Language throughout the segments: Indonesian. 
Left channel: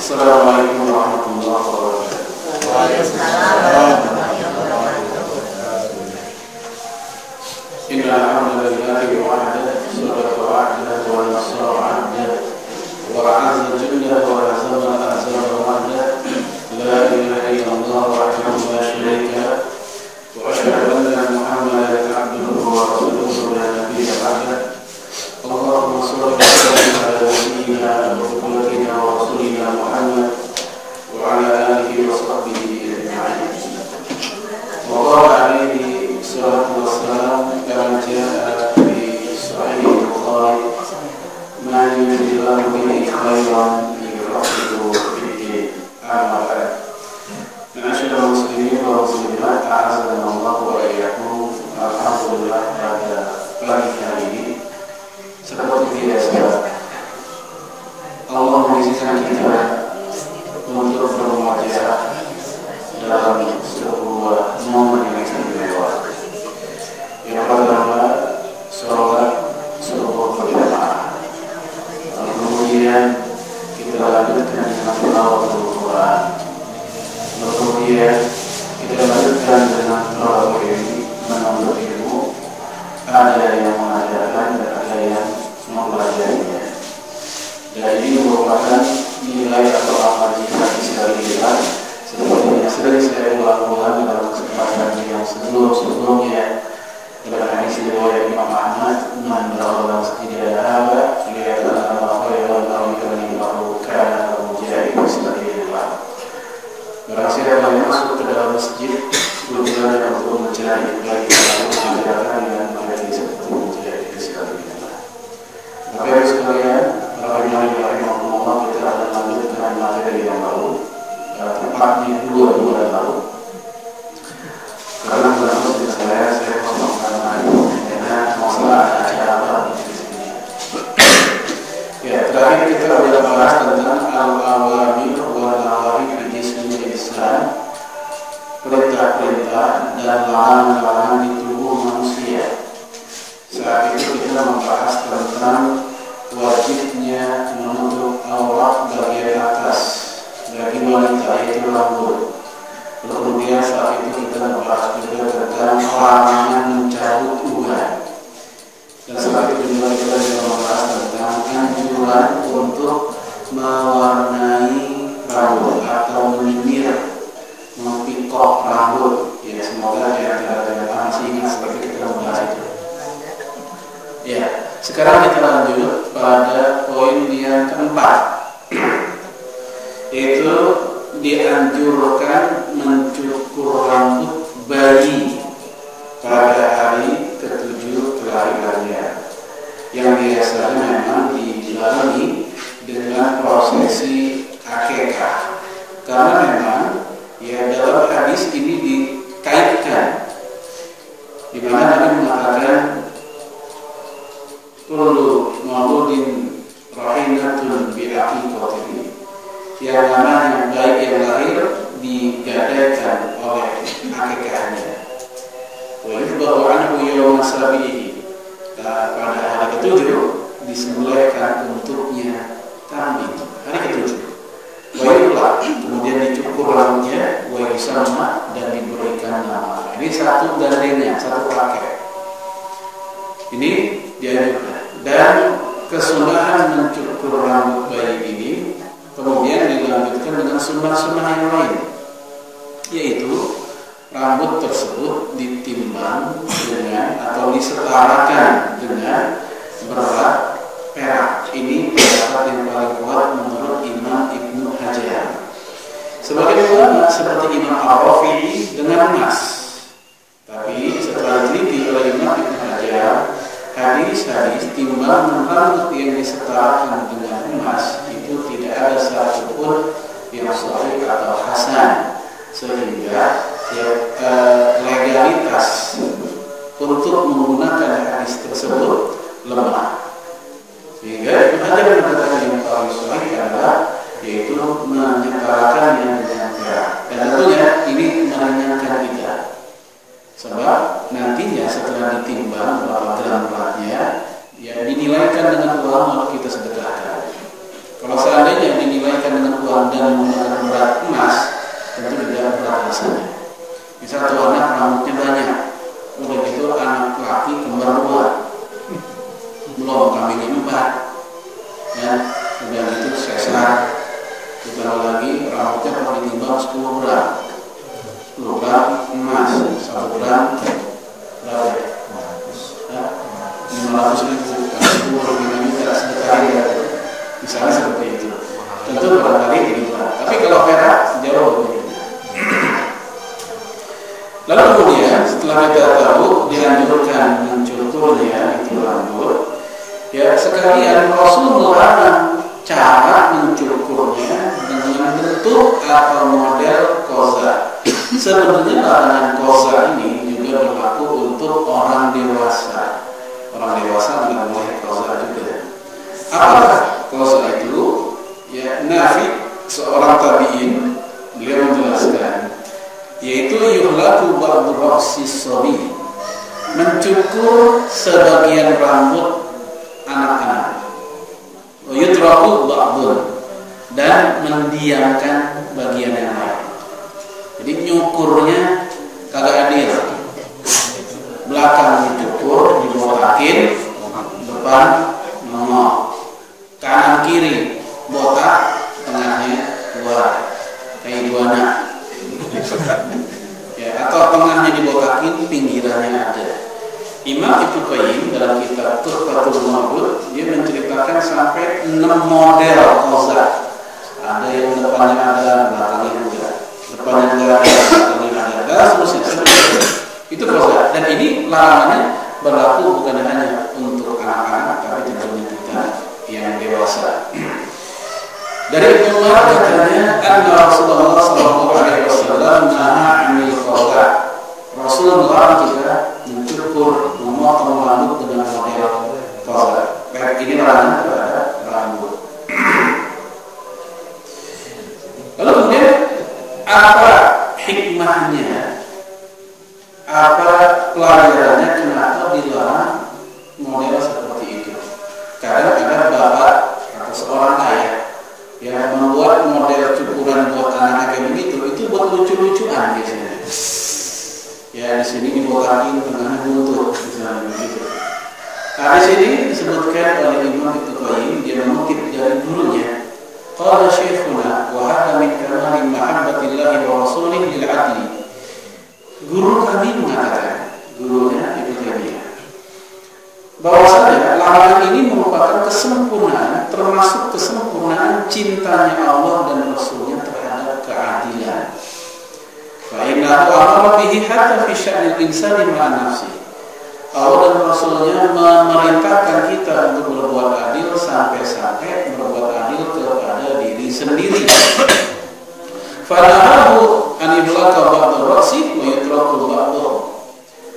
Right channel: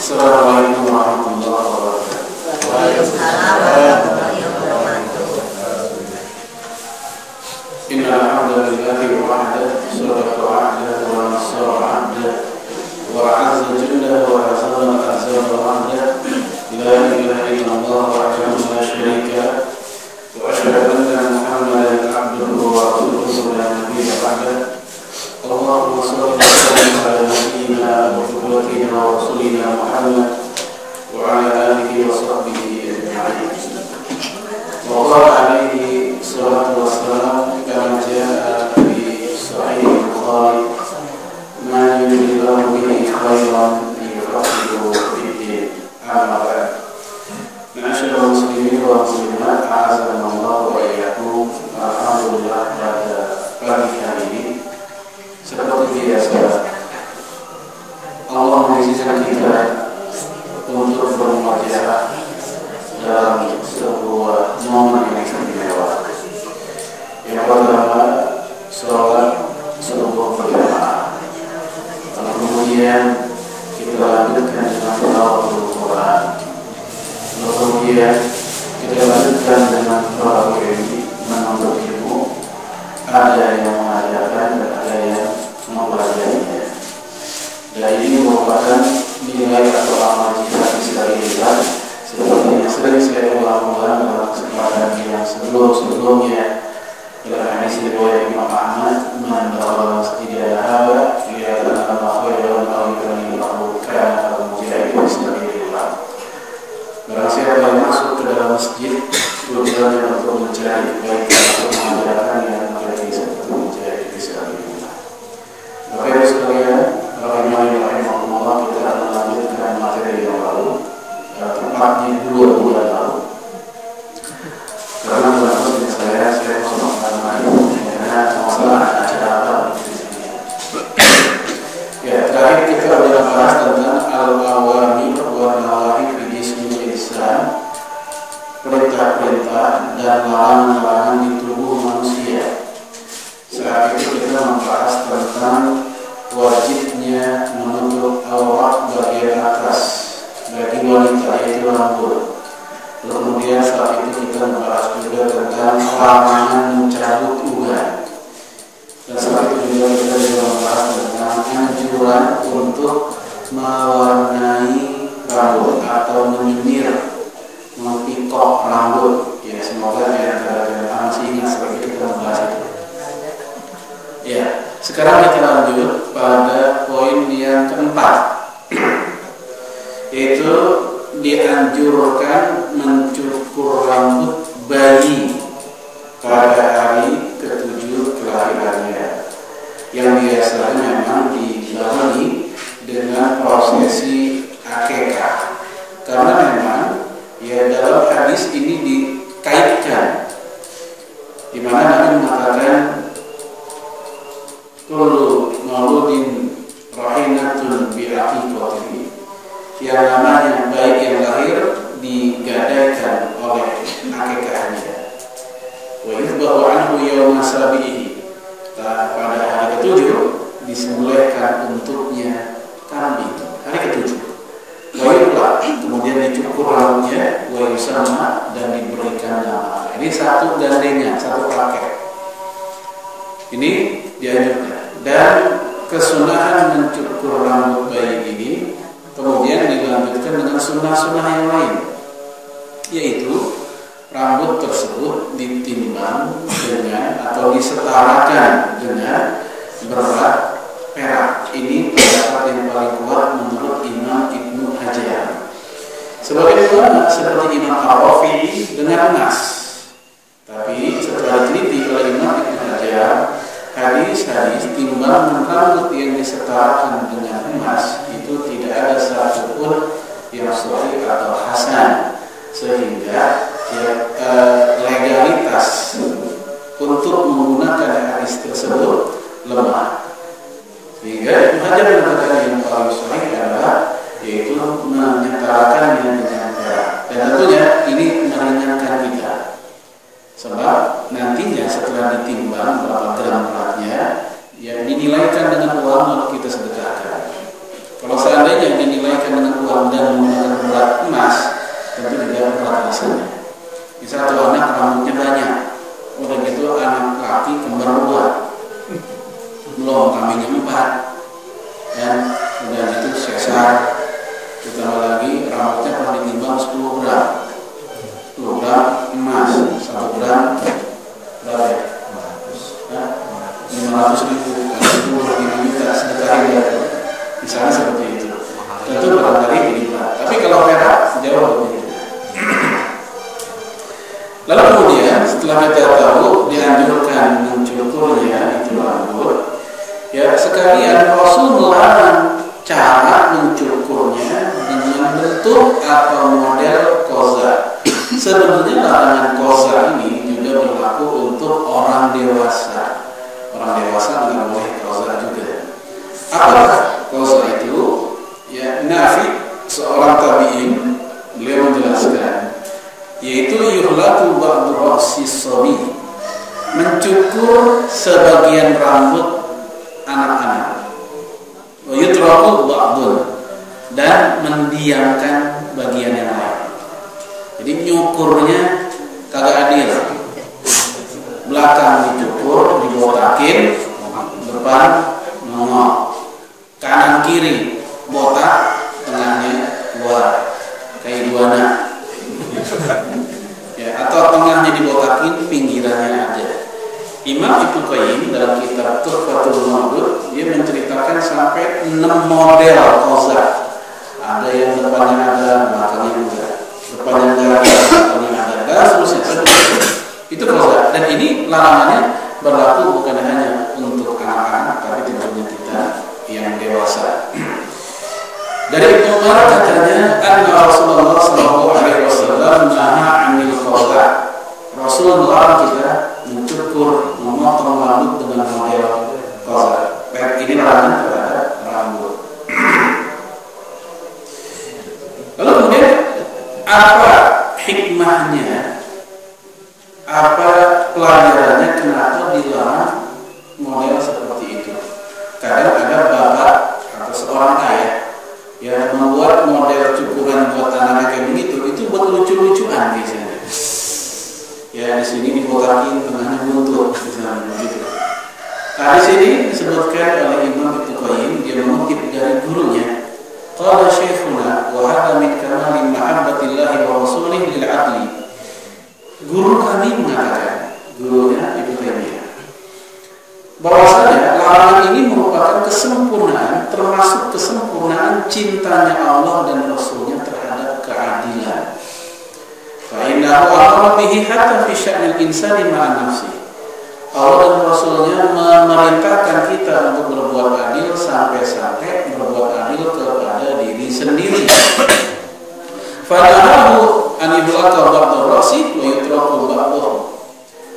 Assalamualaikum warahmatullahi wabarakatuh. Innal hamdalillahi wahdahu sadaqa wa'dahu wa nasara 'abdahu wa 'azza jalla wa 'azama azza wa'dahu la ilaha illallah wahdahu la syarika lahu wa asyhadu anna Muhammadan 'abduhu wa rasuluhu la nabiyya ba'dahu. Allahumma shalli wa sallim ala nabiyyina wa qudwatina wa rasulina Muhammad wa ala alihi wa sahbihi ajma'in. Wa qala alaihi salatu wassalam kama jaa fi sahih Bukhari, man yuridillahu bihi khairan yufaqihuhu fid-din. Amma ba'd. Ma'asyiral muslimin wa muslimat, a'azzanallahu wa iyyakum. Alhamdulillah, pada pagi hari ini seperti biasa Allah mengizinkan kita untuk bermunajat dalam sebuah momen yang istimewa. Yang pertama, sholat subuh berjamaah. Kemudian kita lanjutkan dengan tilawah Al-Quran. Kemudian kita lanjutkan dengan tarawih menuntut ilmu. Ada yang mengajarkan dan ada yang mempelajarinya. Dan ini merupakan nilai atau amal jihad fisabilillah seperti yang sering saya ulang-ulang dalam kesempatan yang sebelum-sebelumnya. Dalam hadis riwayat Imam Ahmad, man daraba masjidan hadza liyata'allama khairan qalilan lahu kana mujahid fisabilillah. Barang siapa yang masuk ke dalam masjid tujuannya untuk mencari baik atau mengajarkan yang menjadi seperti mujahid fisabilillah. Bapak Ibu sekalian, rahimahullah, kita akan melanjutkan materi yang lalu, tepatnya 2 bulan lalu. Karena dalam masjid saya kosongkan karena masalah acara apa di sini. Ya, terakhir kita sudah bahas tentang al-awamir wa nawahi fi jismil insan, perintah-perintah dan larangan-larangan di tubuh manusia. Saat itu kita membahas tentang wajibnya menutup aurat bagian atas bagi wanita, yaitu rambut. Kemudian saat itu kita membahas juga tentang larangan mencabut uban. Dan saat itu juga kita membahas tentang anjuran untuk mewarnai rambut atau menyinir, mempikok rambut. Ya, semoga di antara jemaah masih ingat saat kita membahas itu. Ya, sekarang kita lanjut pada poin yang keempat, yaitu dianjurkan mencukur rambut bayi pada hari ke-7 kelahirannya, yang biasanya memang dijalani dengan prosesi akekah. Karena memang ya dalam hadis ini dikaitkan, di mana Nabi mengatakan kullu mauludin rahinatun bi aqiqatihi, yang namanya bayi yang lahir digadaikan oleh akikahnya. Wa yuzbahu anhu yawma sabihi, pada hari ke-7 disembelihkan untuknya kambing hari ke-7. Wa yula, kemudian dicukur rambutnya, wa yusamma, dan diberikan nama. Ini satu gandengan, satu paket. Ini dianjurkan. Dan kesunahan mencukur rambut bayi ini kemudian dilanjutkan dengan sunnah-sunnah yang lain, yaitu rambut tersebut ditimbang dengan atau disetarakan dengan berat perak. Ini pendapat yang paling kuat menurut Imam Ibnu Hajar. Sebagian ulama seperti Imam Ar-Rafi'i dengan emas. Tapi setelah diteliti oleh Imam Ibnu Hajar, hadis-hadis timbangan rambut yang disetarakan dengan emas itu tidak ada satupun yang sahih atau hasan, sehingga legalitas untuk menggunakan hadis tersebut lemah. Sehingga Ibnu Hajar mengatakan yang paling sahih adalah yaitu menyetarakannya dengan perak. Dan tentunya ini meringankan kita, sebab nantinya setelah ditimbang berapa gram beratnya, ya dinilaikan dengan uang lalu kita sedekahkan. Kalau seandainya dinilaikan dengan uang dan bentuk atau model koza. Sebenarnya larangan koza ini juga berlaku untuk orang dewasa. Orang dewasa nggak boleh koza juga. Apakah koza itu? Ya, Nafi, seorang tabi'in, beliau menjelaskan, yaitu yuhlaku ba'du ra'si sabi, mencukur sebagian rambut anak-anak, wa yutraku ba'dun, dan mendiamkan bagian yang lain. Jadi nyukurnya kagak adil. Belakang dicukur, dibotakin, depan nongol, kanan kiri botak, tengahnya keluar kayak iguana. Ya, atau tengahnya dibotakin, pinggirannya ada. Imam Ibnu Qayyim dalam kitab Tuhfatul Mawlud dia menceritakan sampai 6 model koza. Ada yang depannya ada, belakangnya juga. Depannya enggak, belakangnya ada, dan seterusnya. Itu koza. Dan ini larangannya berlaku bukan hanya untuk anak-anak, tapi tentunya kita yang dewasa. Dari Ibnu Umar katanya, anna Rasulullah sallallahu alaihi wasallam naha 'anil khawla. Rasul melarang kita mencukur, memotong rambut dengan model khawla. Ini larangan terhadap rambut. Lalu kemudian apa hikmahnya? Apa pelajarannya kenapa dilarang model seperti itu? Kadang ada bapak atau seorang ayah yang membuat model cukuran buat anak kayak begitu, itu buat lucu-lucuan biasanya. Ya, di sini dibotakin, tengahnya buntut, misalnya begitu. Nah, di sini disebutkan oleh Imam Ibnu Qayyim, dia mengutip dari gurunya. Qala syekhuna wa hadha min kamali mahabbatillahi wa rasulih lil adli. Guru kami mengatakan, gurunya Ibnu Taimiyah, bahwasanya larangan ini merupakan kesempurnaan, termasuk kesempurnaan cintanya Allah dan Rasulnya terhadap keadilan. Fa innahu amara bihi hatta fi sya'nil insani ma'a nafsi. Allah dan Rasulnya memerintahkan kita untuk berbuat adil sampai-sampai berbuat adil kepada diri sendiri. Fanahu an yublaqa ba'du ra'si wa yutraku ba'dahu.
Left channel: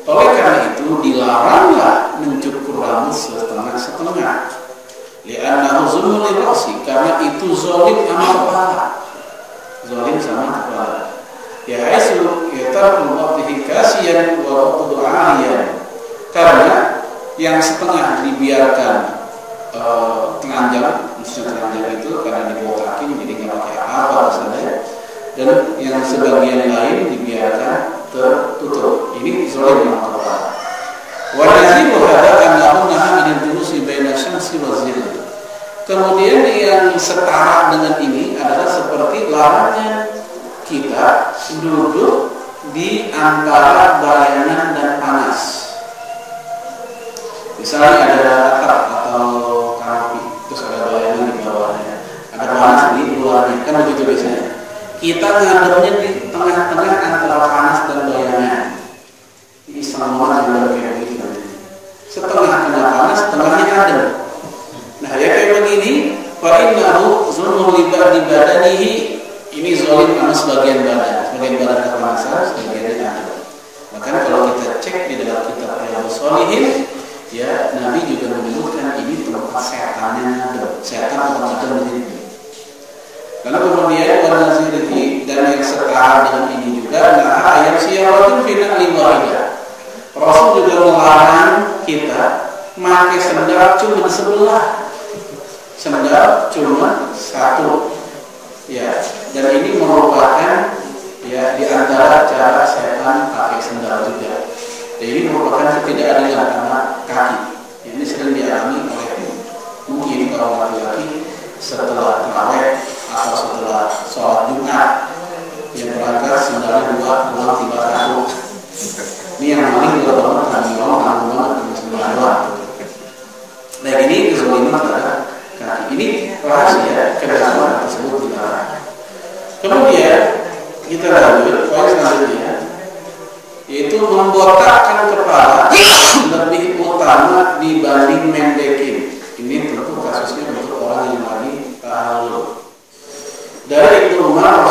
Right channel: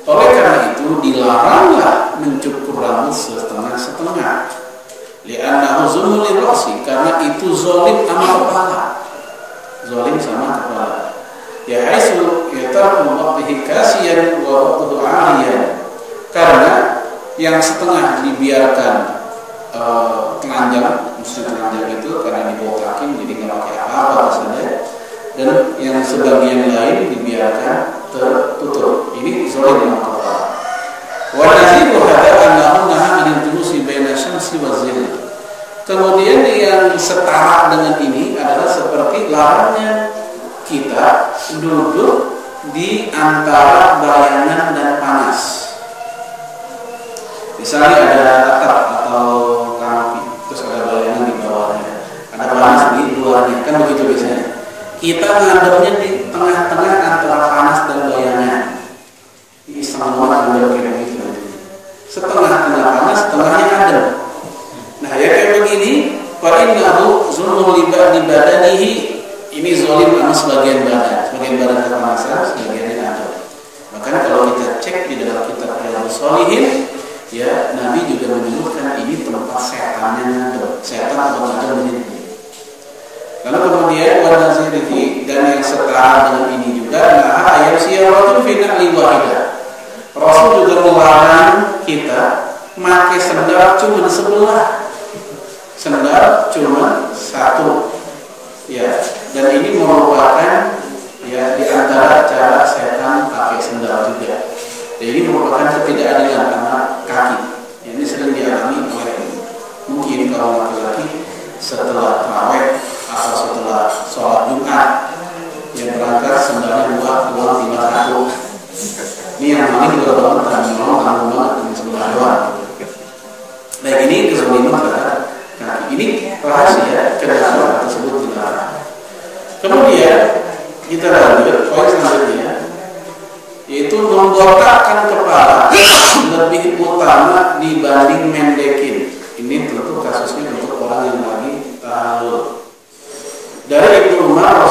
Oleh karena itu dilaranglah mencukur rambut setengah-setengah. Li'annahu zulmun lirra'si, karena itu zalim sama kepala. Zalim sama kepala. Ya haitsu yatarku ba'dihi kasiyan wa ba'dahu 'ariyan. Karena yang setengah dibiarkan telanjang, maksudnya telanjang itu karena dibotakin jadi nggak pakai apa-apa saja, dan yang sebagian lain dibiarkan tertutup. Ini zalim dengan kepala. Wa naziru hadza annahu naha 'anil julusi baina syamsi wa zil. Kemudian yang setara dengan ini adalah seperti larangnya kita duduk di antara bayangan dan panas. Misalnya ada atap atau kanopi, terus ada bayangan di bawahnya, ada panas di luarnya, kan begitu biasanya. Kita ngadepnya di tengah-tengah antara panas dan bayangan. Ini sama ada kayak begitu. Setengah kena panas, setengahnya adem. Nah, ya kayak begini, fa innahu zulmun li badanihi. Ini zalim sama sebagian badan kepanasan, sebagian adem. Bahkan kalau kita cek di dalam kitab Riyadhus Shalihin, ya, Nabi juga menyebutkan ini tempat setannya, setan tempat ada menjadi. Lalu kemudian wanazirihi, dan yang setara dengan ini juga, nah ayat siyaratu fi na'li wahidah. Rasul juga melarang kita pakai sendal cuma sebelah, sendal cuma satu. Ya, dan ini merupakan ya di antara cara setan pakai sendal juga. Jadi ini merupakan ketidakadilan karena kaki. Ini sering dialami oleh mungkin kalau laki-laki setelah tarawih atau setelah sholat Jumat yang berangkat sendalnya dua, pulang tiba satu. Ini yang paling dua banget dan tanggung banget di sebelah dua. Nah, ini kezaliman terhadap kaki. Ini rahasia kenapa tersebut dilarang. Kemudian kita lanjut poin selanjutnya, yaitu membotakkan kepala lebih utama dibanding mendekin. Ini tentu kasusnya untuk orang yang lagi tahalul. Dari Ibnu Umar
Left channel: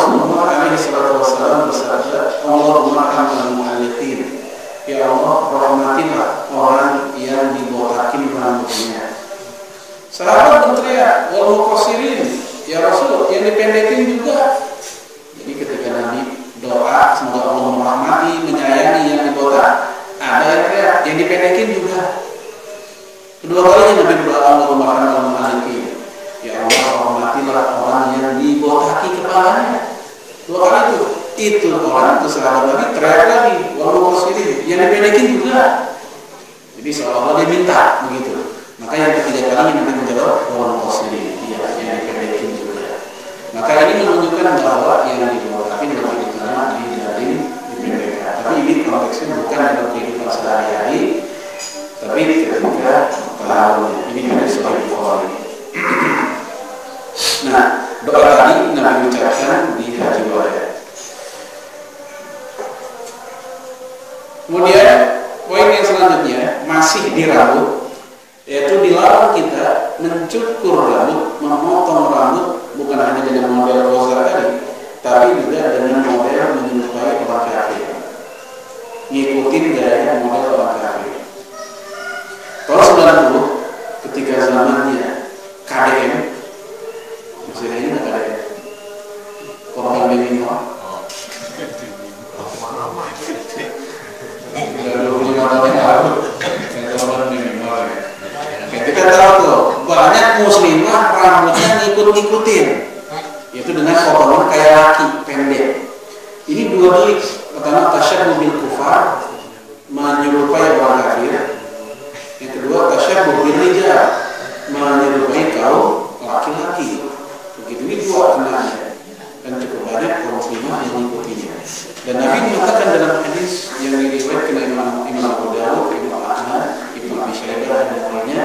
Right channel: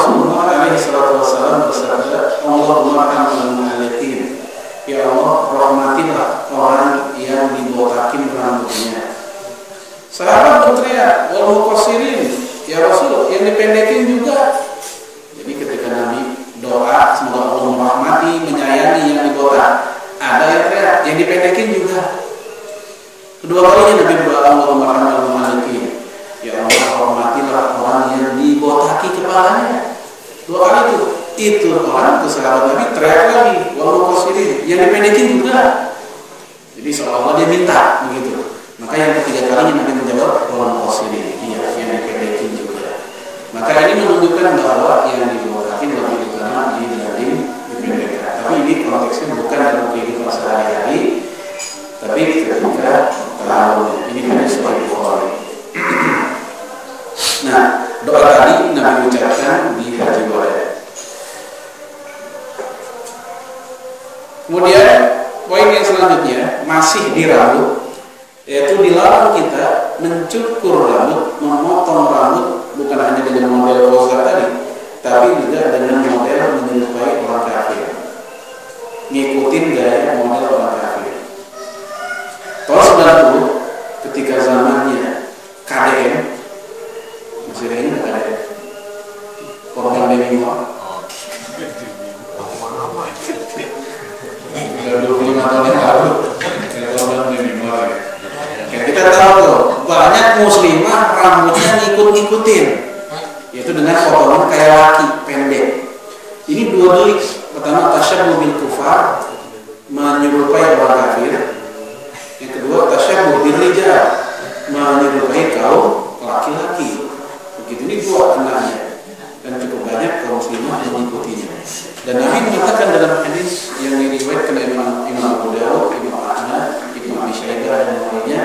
Kedua kalinya Nabi berdoa, Allahumma rahmatan malikin. Ya Allah, hormatilah orang yang dibotaki kepalanya. Dua kali itu orang ke sahabat Nabi teriak lagi, walau qasirin, yang dipendekin juga. Jadi seolah-olah dia minta begitu. Maka yang ketiga kalinya Nabi menjawab, walau qasirin, iya, yang dipendekin juga. Maka ini menunjukkan bahwa yang dibotaki lebih utama dibanding dipendekkan. Tapi ini konteksnya bukan dalam kehidupan sehari-hari, tapi ketika tahun ini ada Sahih Bukhari. Nah, doa tadi Nabi ucapkan di Haji Wada. Kemudian poin yang selanjutnya masih di rambut, yaitu dilarang kita mencukur rambut, memotong rambut bukan hanya dengan model kosa tadi, tapi juga dengan model menyerupai orang kafir, ngikutin gaya model orang kafir. Tahun 90 ketika zamannya KDM, masih ada nggak KDM? Korban Bemimo. Sudah 25 tahun yang lalu. Korban Bemimo. Kita tahu tuh banyak muslimah rambutnya ngikut-ngikutin, yaitu dengan potongan kayak laki pendek. Ini dua delik. Pertama tasyabbuh bil kufar, menyerupai orang kafir. Yang kedua tasyabbuh bil rijal, menyerupai kaum laki-laki. Begitu, ini dua anaknya dan cukup banyak kaum muslimah yang mengikutinya. Dan Nabi mengatakan dalam hadis yang diriwayatkan Imam Abu Dawud, Imam Ahmad, Ibnu Abi Syaibah dan lainnya,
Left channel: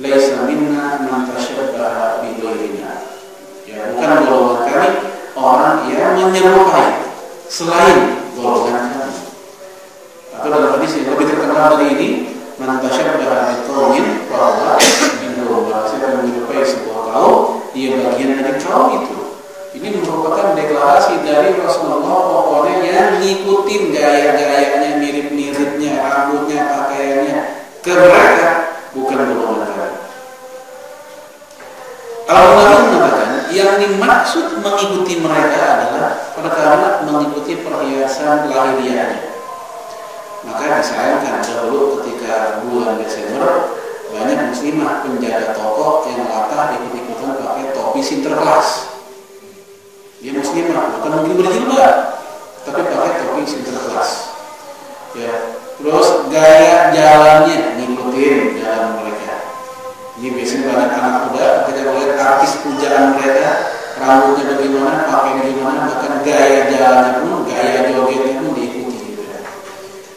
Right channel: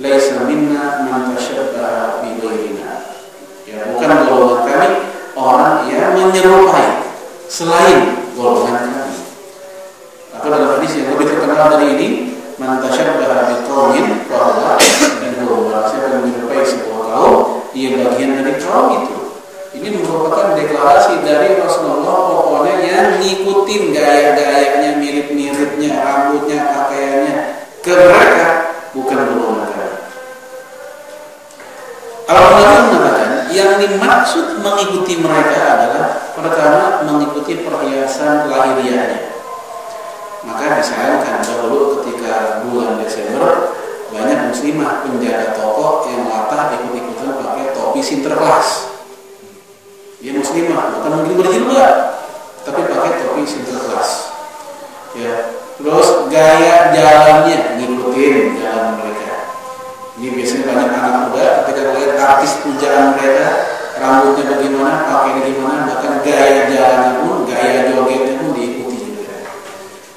laisa minna man tashabbaha bi ghairina. Ya, bukan golongan kami orang yang menyerupai selain golongan kami. Atau dalam hadis yang lebih terkenal dari ini, man tashabbaha bi qaumin fa huwa minhum. Barang siapa yang menyerupai sebuah kaum, dia bagian dari kaum itu. Ini merupakan deklarasi dari Rasulullah, pokoknya yang ngikutin gaya-gayanya, mirip-miripnya, rambutnya, pakaiannya ke mereka, bukan golongan kami. Al-Nabi mengatakan yang dimaksud mengikuti mereka adalah pertama mengikuti perhiasan lahiriahnya. Maka disayangkan dahulu ketika bulan Desember banyak muslimah penjaga toko yang latah ikut-ikutan pakai topi Sinterklas. Dia muslimah, bukan mungkin berjilbab, tapi pakai topi Sinterklas. Ya, terus gaya jalannya ngikutin jalan mereka. Ini biasanya banyak anak muda ketika melihat artis pujaan mereka, rambutnya bagaimana, pakainya gimana, bahkan gaya jalannya pun, gaya jogetnya pun diikuti juga.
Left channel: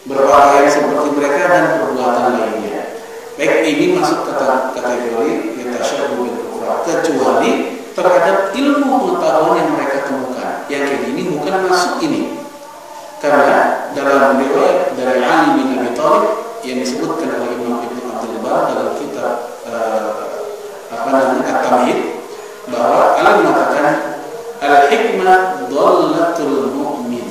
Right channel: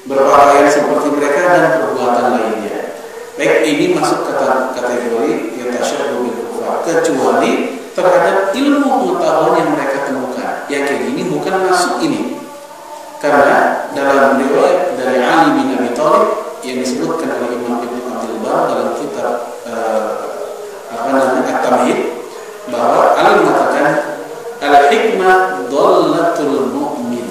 Berpakaian seperti mereka dan perbuatan lainnya. Baik, ini masuk kategori tasyabbuh bil kufar, kecuali terhadap ilmu pengetahuan yang mereka temukan. Yang kayak gini bukan masuk ini. Karena dalam riwayat dari Ali bin Abi Thalib yang disebutkan oleh Imam Ibnu Abdul Bar dalam kitab At-Tamhid, bahwa Ali mengatakan al-hikmah dhallatul mu'min.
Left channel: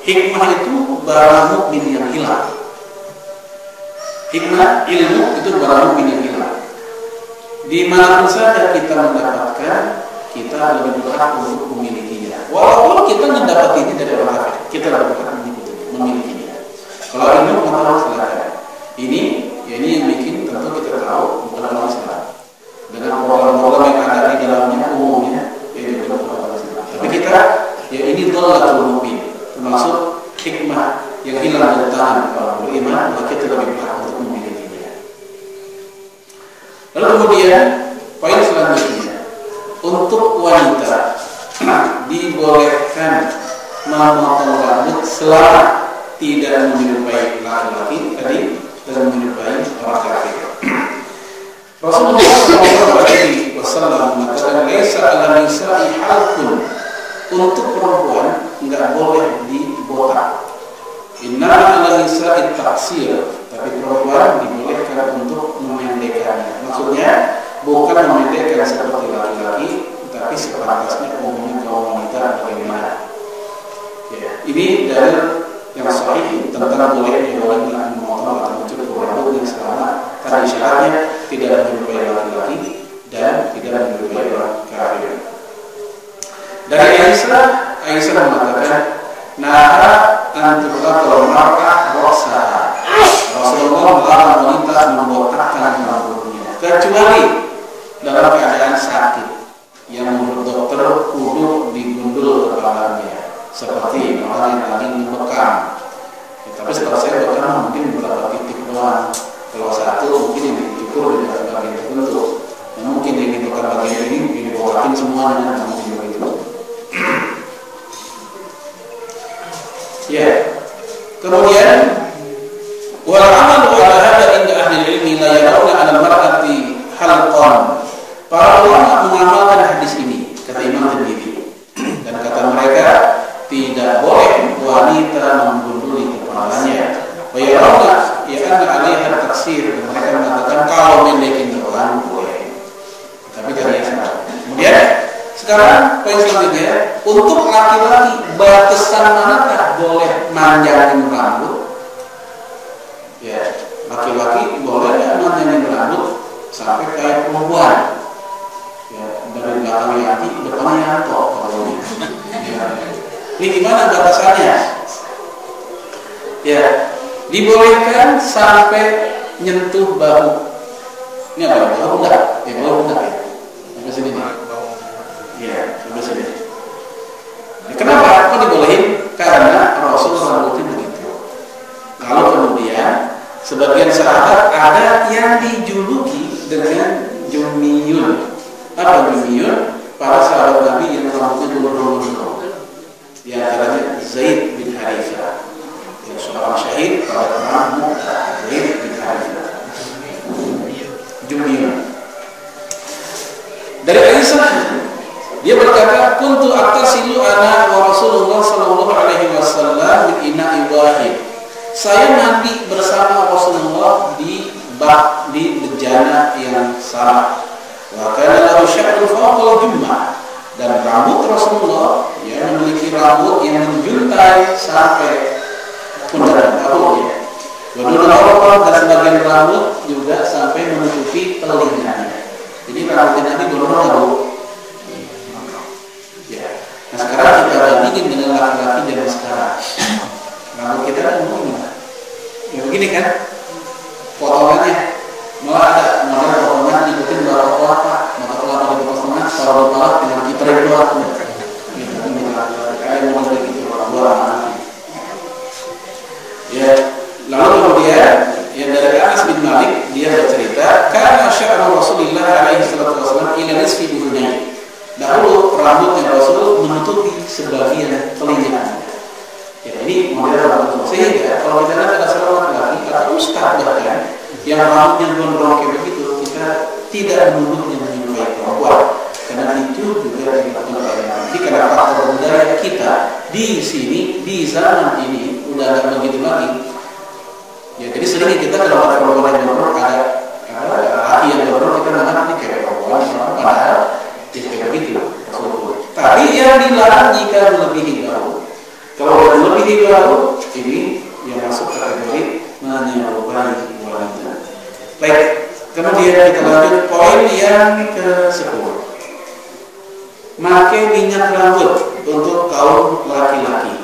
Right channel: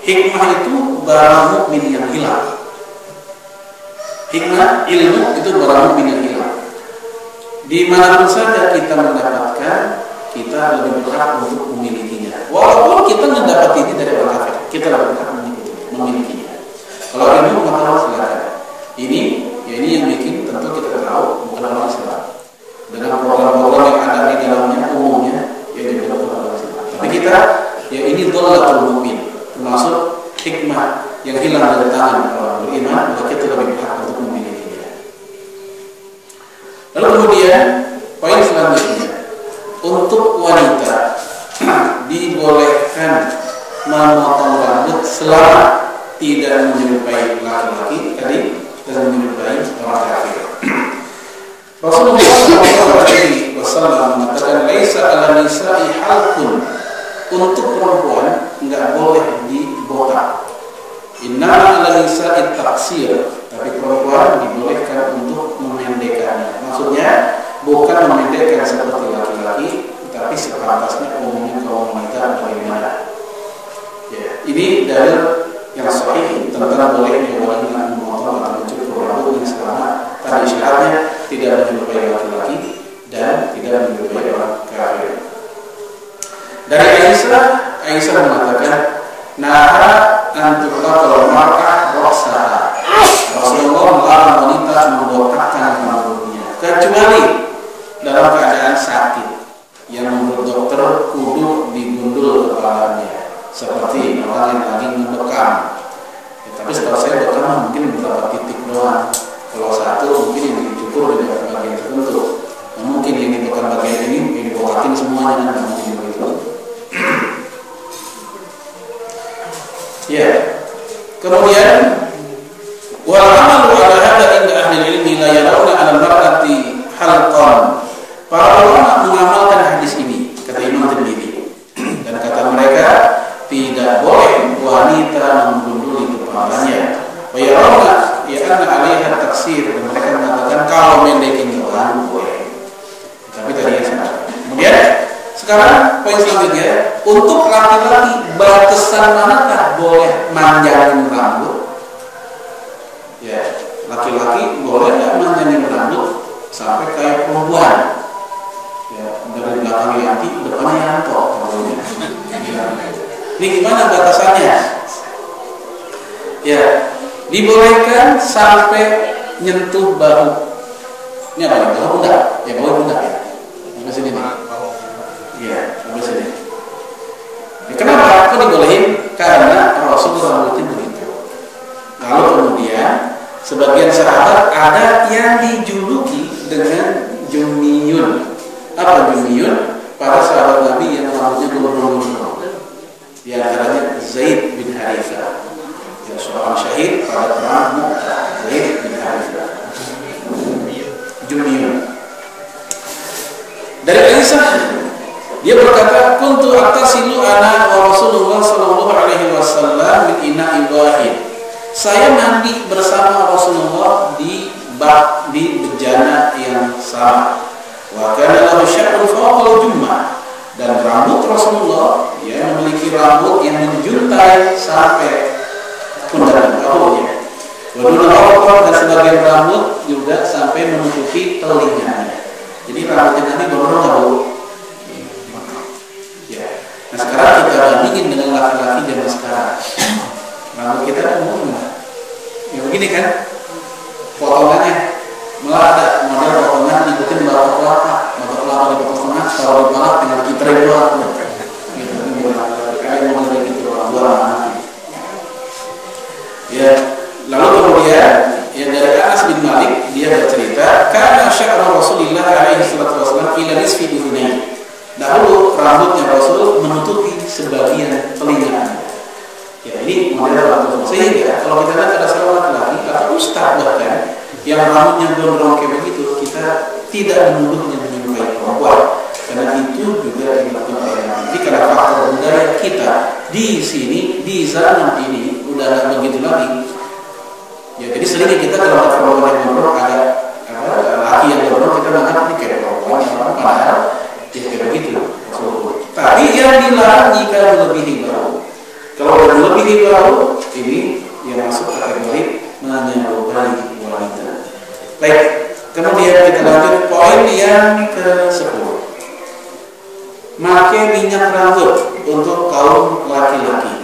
Hikmah itu barang mukmin yang hilang. Hikmah, ilmu itu barang mukmin yang hilang. Di manapun saja kita mendapatkan, kita lebih berhak untuk memilikinya. Walaupun kita mendapatinya dari orang kafir, kita lebih berhak memilikinya. Kalau ilmu pengetahuan silakan. Ini yang bikin tentu kita tahu bukan orang Islam. Dengan program-program yang ada di dalamnya umumnya, ya juga bukan orang Islam. Tapi kita, ya ini dhallatul mu'min, termasuk hikmah yang hilang dari tangan orang beriman, maka kita lebih berhak untuk memilikinya. Lalu kemudian poin selanjutnya, untuk wanita dibolehkan memotong rambut selama tidak menyerupai laki-laki tadi dan menyerupai orang kafir. Rasulullah SAW mengatakan, laisa ala nisa'i halqun, untuk perempuan enggak boleh dibotak. Innama ala nisa'i taqsir, tapi perempuan dibolehkan untuk memendekkannya. Maksudnya bukan memendekkan seperti laki-laki, tapi sepantasnya umumnya kaum wanita bagaimana. Ya, ini dalil yang sahih tentang bolehnya wanita memotong atau mencukur rambutnya selama tadi syaratnya tidak menyerupai laki-laki dan tidak menyerupai orang kafir. Dari Aisyah mengatakan, naha antuqatul mar'ah ra'saha. Rasulullah melarang wanita membotakkan kecuali dalam keadaan sakit yang menurut dokter kudu digundul kepalanya, seperti orang yang lagi ngebekam. Ya, tapi setahu saya bekam mungkin beberapa titik doang. Kalau satu mungkin yang dicukur di bagian tertentu. Nah, mungkin yang dibekam bagian ini yang dibokakin semuanya kan, mungkin begitu. Ya. Kemudian wal amalu ala hadza inda ahli ilmi la yarawna 'ala al-mar'ati halqan. Para ulama mengamalkan hadis ini, kata Imam Tirmidzi, dan kata mereka tidak boleh wanita menggunduli kepalanya. Wa yarawna anna 'alaiha taksir, dan mereka mengatakan kalau mendekin orang boleh. Tapi tadi salah. Kemudian sekarang poin selanjutnya, untuk laki-laki batasan manakah boleh manjangin rambut? Ya, laki-laki boleh nggak manjangin rambut sampai kayak perempuan? Ya, dari belakang laki, depannya Yanto. Ya. Ini gimana batasannya? Ya, dibolehkan sampai nyentuh bahu. Ini apa? Bahu pundak? Ya, bahu pundak ya. Sampai sini nih. Ya, sampai sini. Ya, kenapa? Kok dibolehin? Karena Rasul rambutnya begitu. Lalu kemudian sebagian sahabat ada yang dijuluki dengan Jumiyun. Apa Jumiyun? Para sahabat Nabi yang rambutnya gulung-gulung. Di antaranya Zaid bin Harithah, yang seorang syahid pada perang Mu'tah. Zaid bin Harithah. Jumiyun. Dari Aisyah, dia berkata, "Kuntu aktasilu ana wa Rasulullah sallallahu alaihi wasallam min ina'i wahid." Saya mandi bersama Rasulullah di bak, di bejana yang sama. Wa kana lahu sya'run fawqa jummah, dan rambut Rasulullah yang memiliki rambut yang menjuntai sampai pundak bahunya. Wa duna dan sebagian rambut juga sampai menutupi telinganya. Jadi rambutnya Nabi gondrong Bu. Ya. Nah, sekarang kita bandingin dengan laki-laki zaman sekarang. Rambut kita umum enggak? Ya begini kan? Potongannya malah ada model potongan ikutin batok kelapa di tengah, kalau di kepala tinggal dikiterin doang. Gitu. Ada model kayak gitu orang. Ya, lalu kemudian yang dari Anas bin Malik, dia bercerita, karena sya'ru Rasulullah alaihi salatu wasallam ila nisfi udhunayhi. Dahulu rambutnya Rasul menutupi sebagian telinganya. Ya, ini model rambut. Sehingga kalau kita lihat ada seorang laki-laki atau ustaz bahkan yang rambutnya gondrong kayak begitu, kita tidak menuduhnya menyerupai perempuan, karena itu juga dilakukan oleh Nabi. Jadi karena faktor budaya kita di sini, di zaman ini udah nggak begitu lagi. Ya, jadi seringnya kita kalau ada perempuan yang gondrong, ada laki yang gondrong, kita menganggap ini kayak perempuan, padahal ya kayak begitu. Tapi yang dilarang jika melebihi bahu. Kalau melebihi bahu, ini yang masuk kategori menyerupai wanita. Baik, kemudian kita lanjut poin yang ke-10. Pakai minyak rambut untuk kaum laki-laki.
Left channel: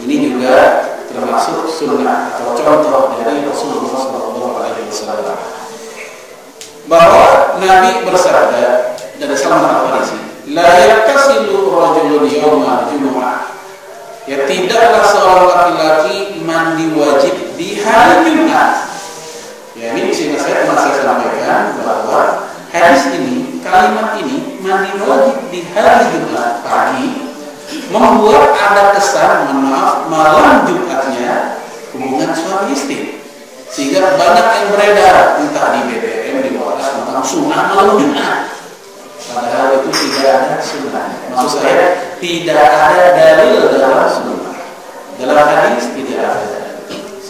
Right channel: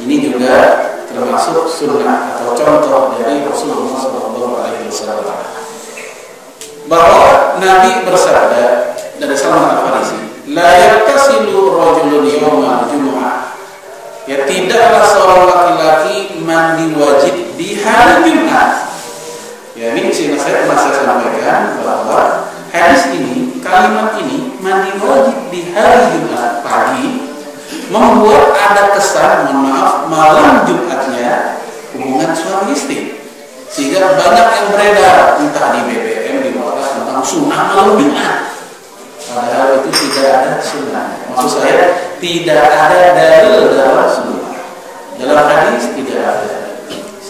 Ini juga termasuk sunnah atau contoh dari Rasulullah SAW, bahwa Nabi bersabda dari Salman Al-Farisi, la yaktasilu rajulun yawma jumu'ah. Ya, tidaklah seorang laki-laki mandi wajib di hari Jumat. Ya, ini saya pernah sampaikan bahwa hadis ini, kalimat ini, mandi wajib di hari Jumat pagi, membuat ada kesan, mohon maaf, malam Jumatnya hubungan suami istri. Sehingga banyak yang beredar entah di BBM, di WhatsApp tentang sunnah malam Jumat. Padahal itu tidak ada sunnah. Maksud saya, tidak ada dalil dalam sunnah. Dalam hadis tidak ada.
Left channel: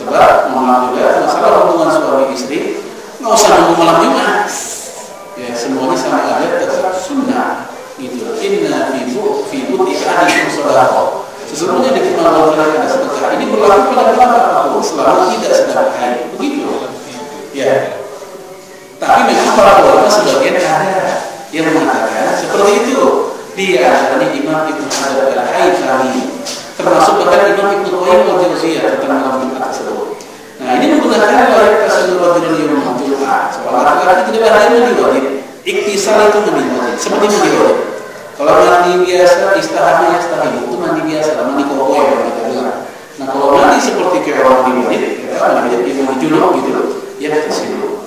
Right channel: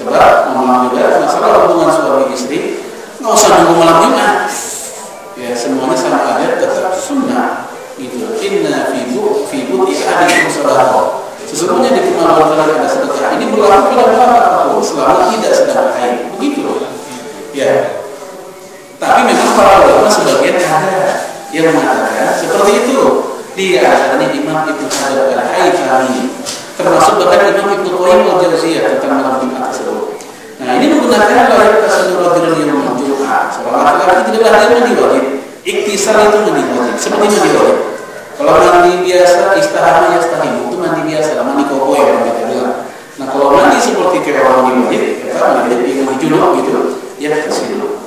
Sebab memang juga masalah hubungan suami istri nggak usah nunggu malam Jumat. Ya, semuanya sama aja tetap sunnah. Gitu. Inna fi buti ahadikum sadaqah. Sesungguhnya di kemaluan kalian ada sedekah. Ini berlaku pada berapa selama tidak sedang haid. Begitu. Ya. Tapi memang para ulama sebagian ada yang mengatakan seperti itu. Di antaranya Imam Ibnu Hajar Al-Haythami, termasuk bahkan Imam Ibnu Qayyim Al-Jauziyah tentang malam Jumat tersebut. Nah, ini menggunakan layak tasawwur rajulun yawmal Jumat. Seorang laki-laki laki tidak ada mandi wajib. Iktisal itu mandi wajib, seperti mandi wajib. Kalau mandi biasa, istihama yastahimu, itu mandi biasa, mandi koboi yang kita bilang. Nah kalau mandi seperti kayak orang mandi wajib, mandi junub gitu, ya kesilu.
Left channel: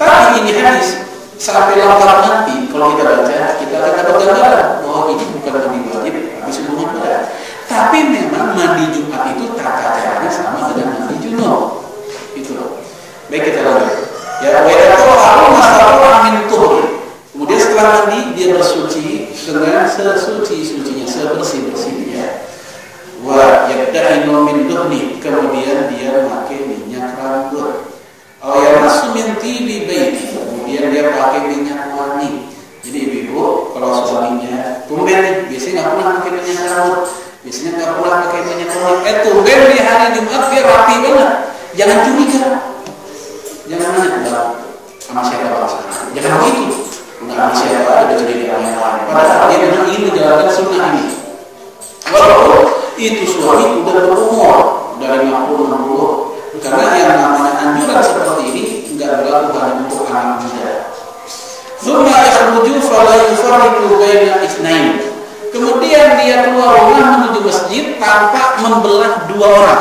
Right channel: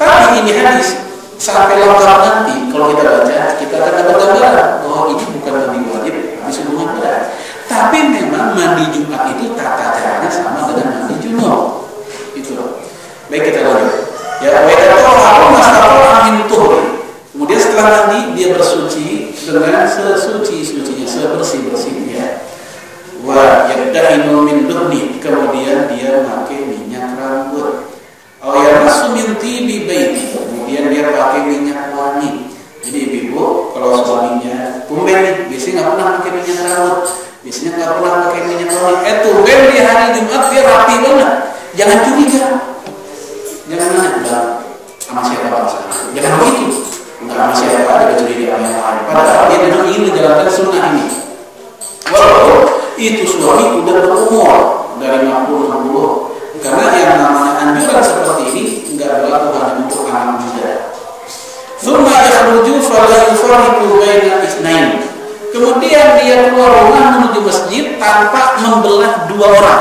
Tapi ini hadis sampai lengkap nanti kalau kita baca, kita akan dapat gambaran bahwa ini bukan mandi wajib, habis hubungan badan. Tapi memang mandi Jumat itu tata caranya sama dengan mandi junub. Itu. Baik, kita lanjut. Ya, wa yaqulu masalah min tuhri. Kemudian setelah mandi dia bersuci dengan sesuci-sucinya, sebersih-bersihnya. Wa yabdahinu min duhni, kemudian dia memakai minyak rambut. Aw yamassu min tibi baiti, kemudian dia pakai minyak wangi. Jadi ibu kalau suaminya tumben nih, biasanya nggak pernah pakai minyak rambut, biasanya nggak pernah pakai minyak wangi. Tumben di hari Jumat dia rapi banget. Jangan curiga, jangan nanya sama siapa bangsa. Jangan begitu. Enggak sama siapa ada curiga sama yang lain. Padahal dia memang ingin menjalankan sunnah ini. Walaupun itu suami udah berumur dari 60. Karena yang namanya anjuran seperti ini enggak berlaku hanya untuk anak muda. Tsumma yakhruju fala yufarriqu baina itsnain. Kemudian dia keluar rumah menuju masjid tanpa membelah dua orang.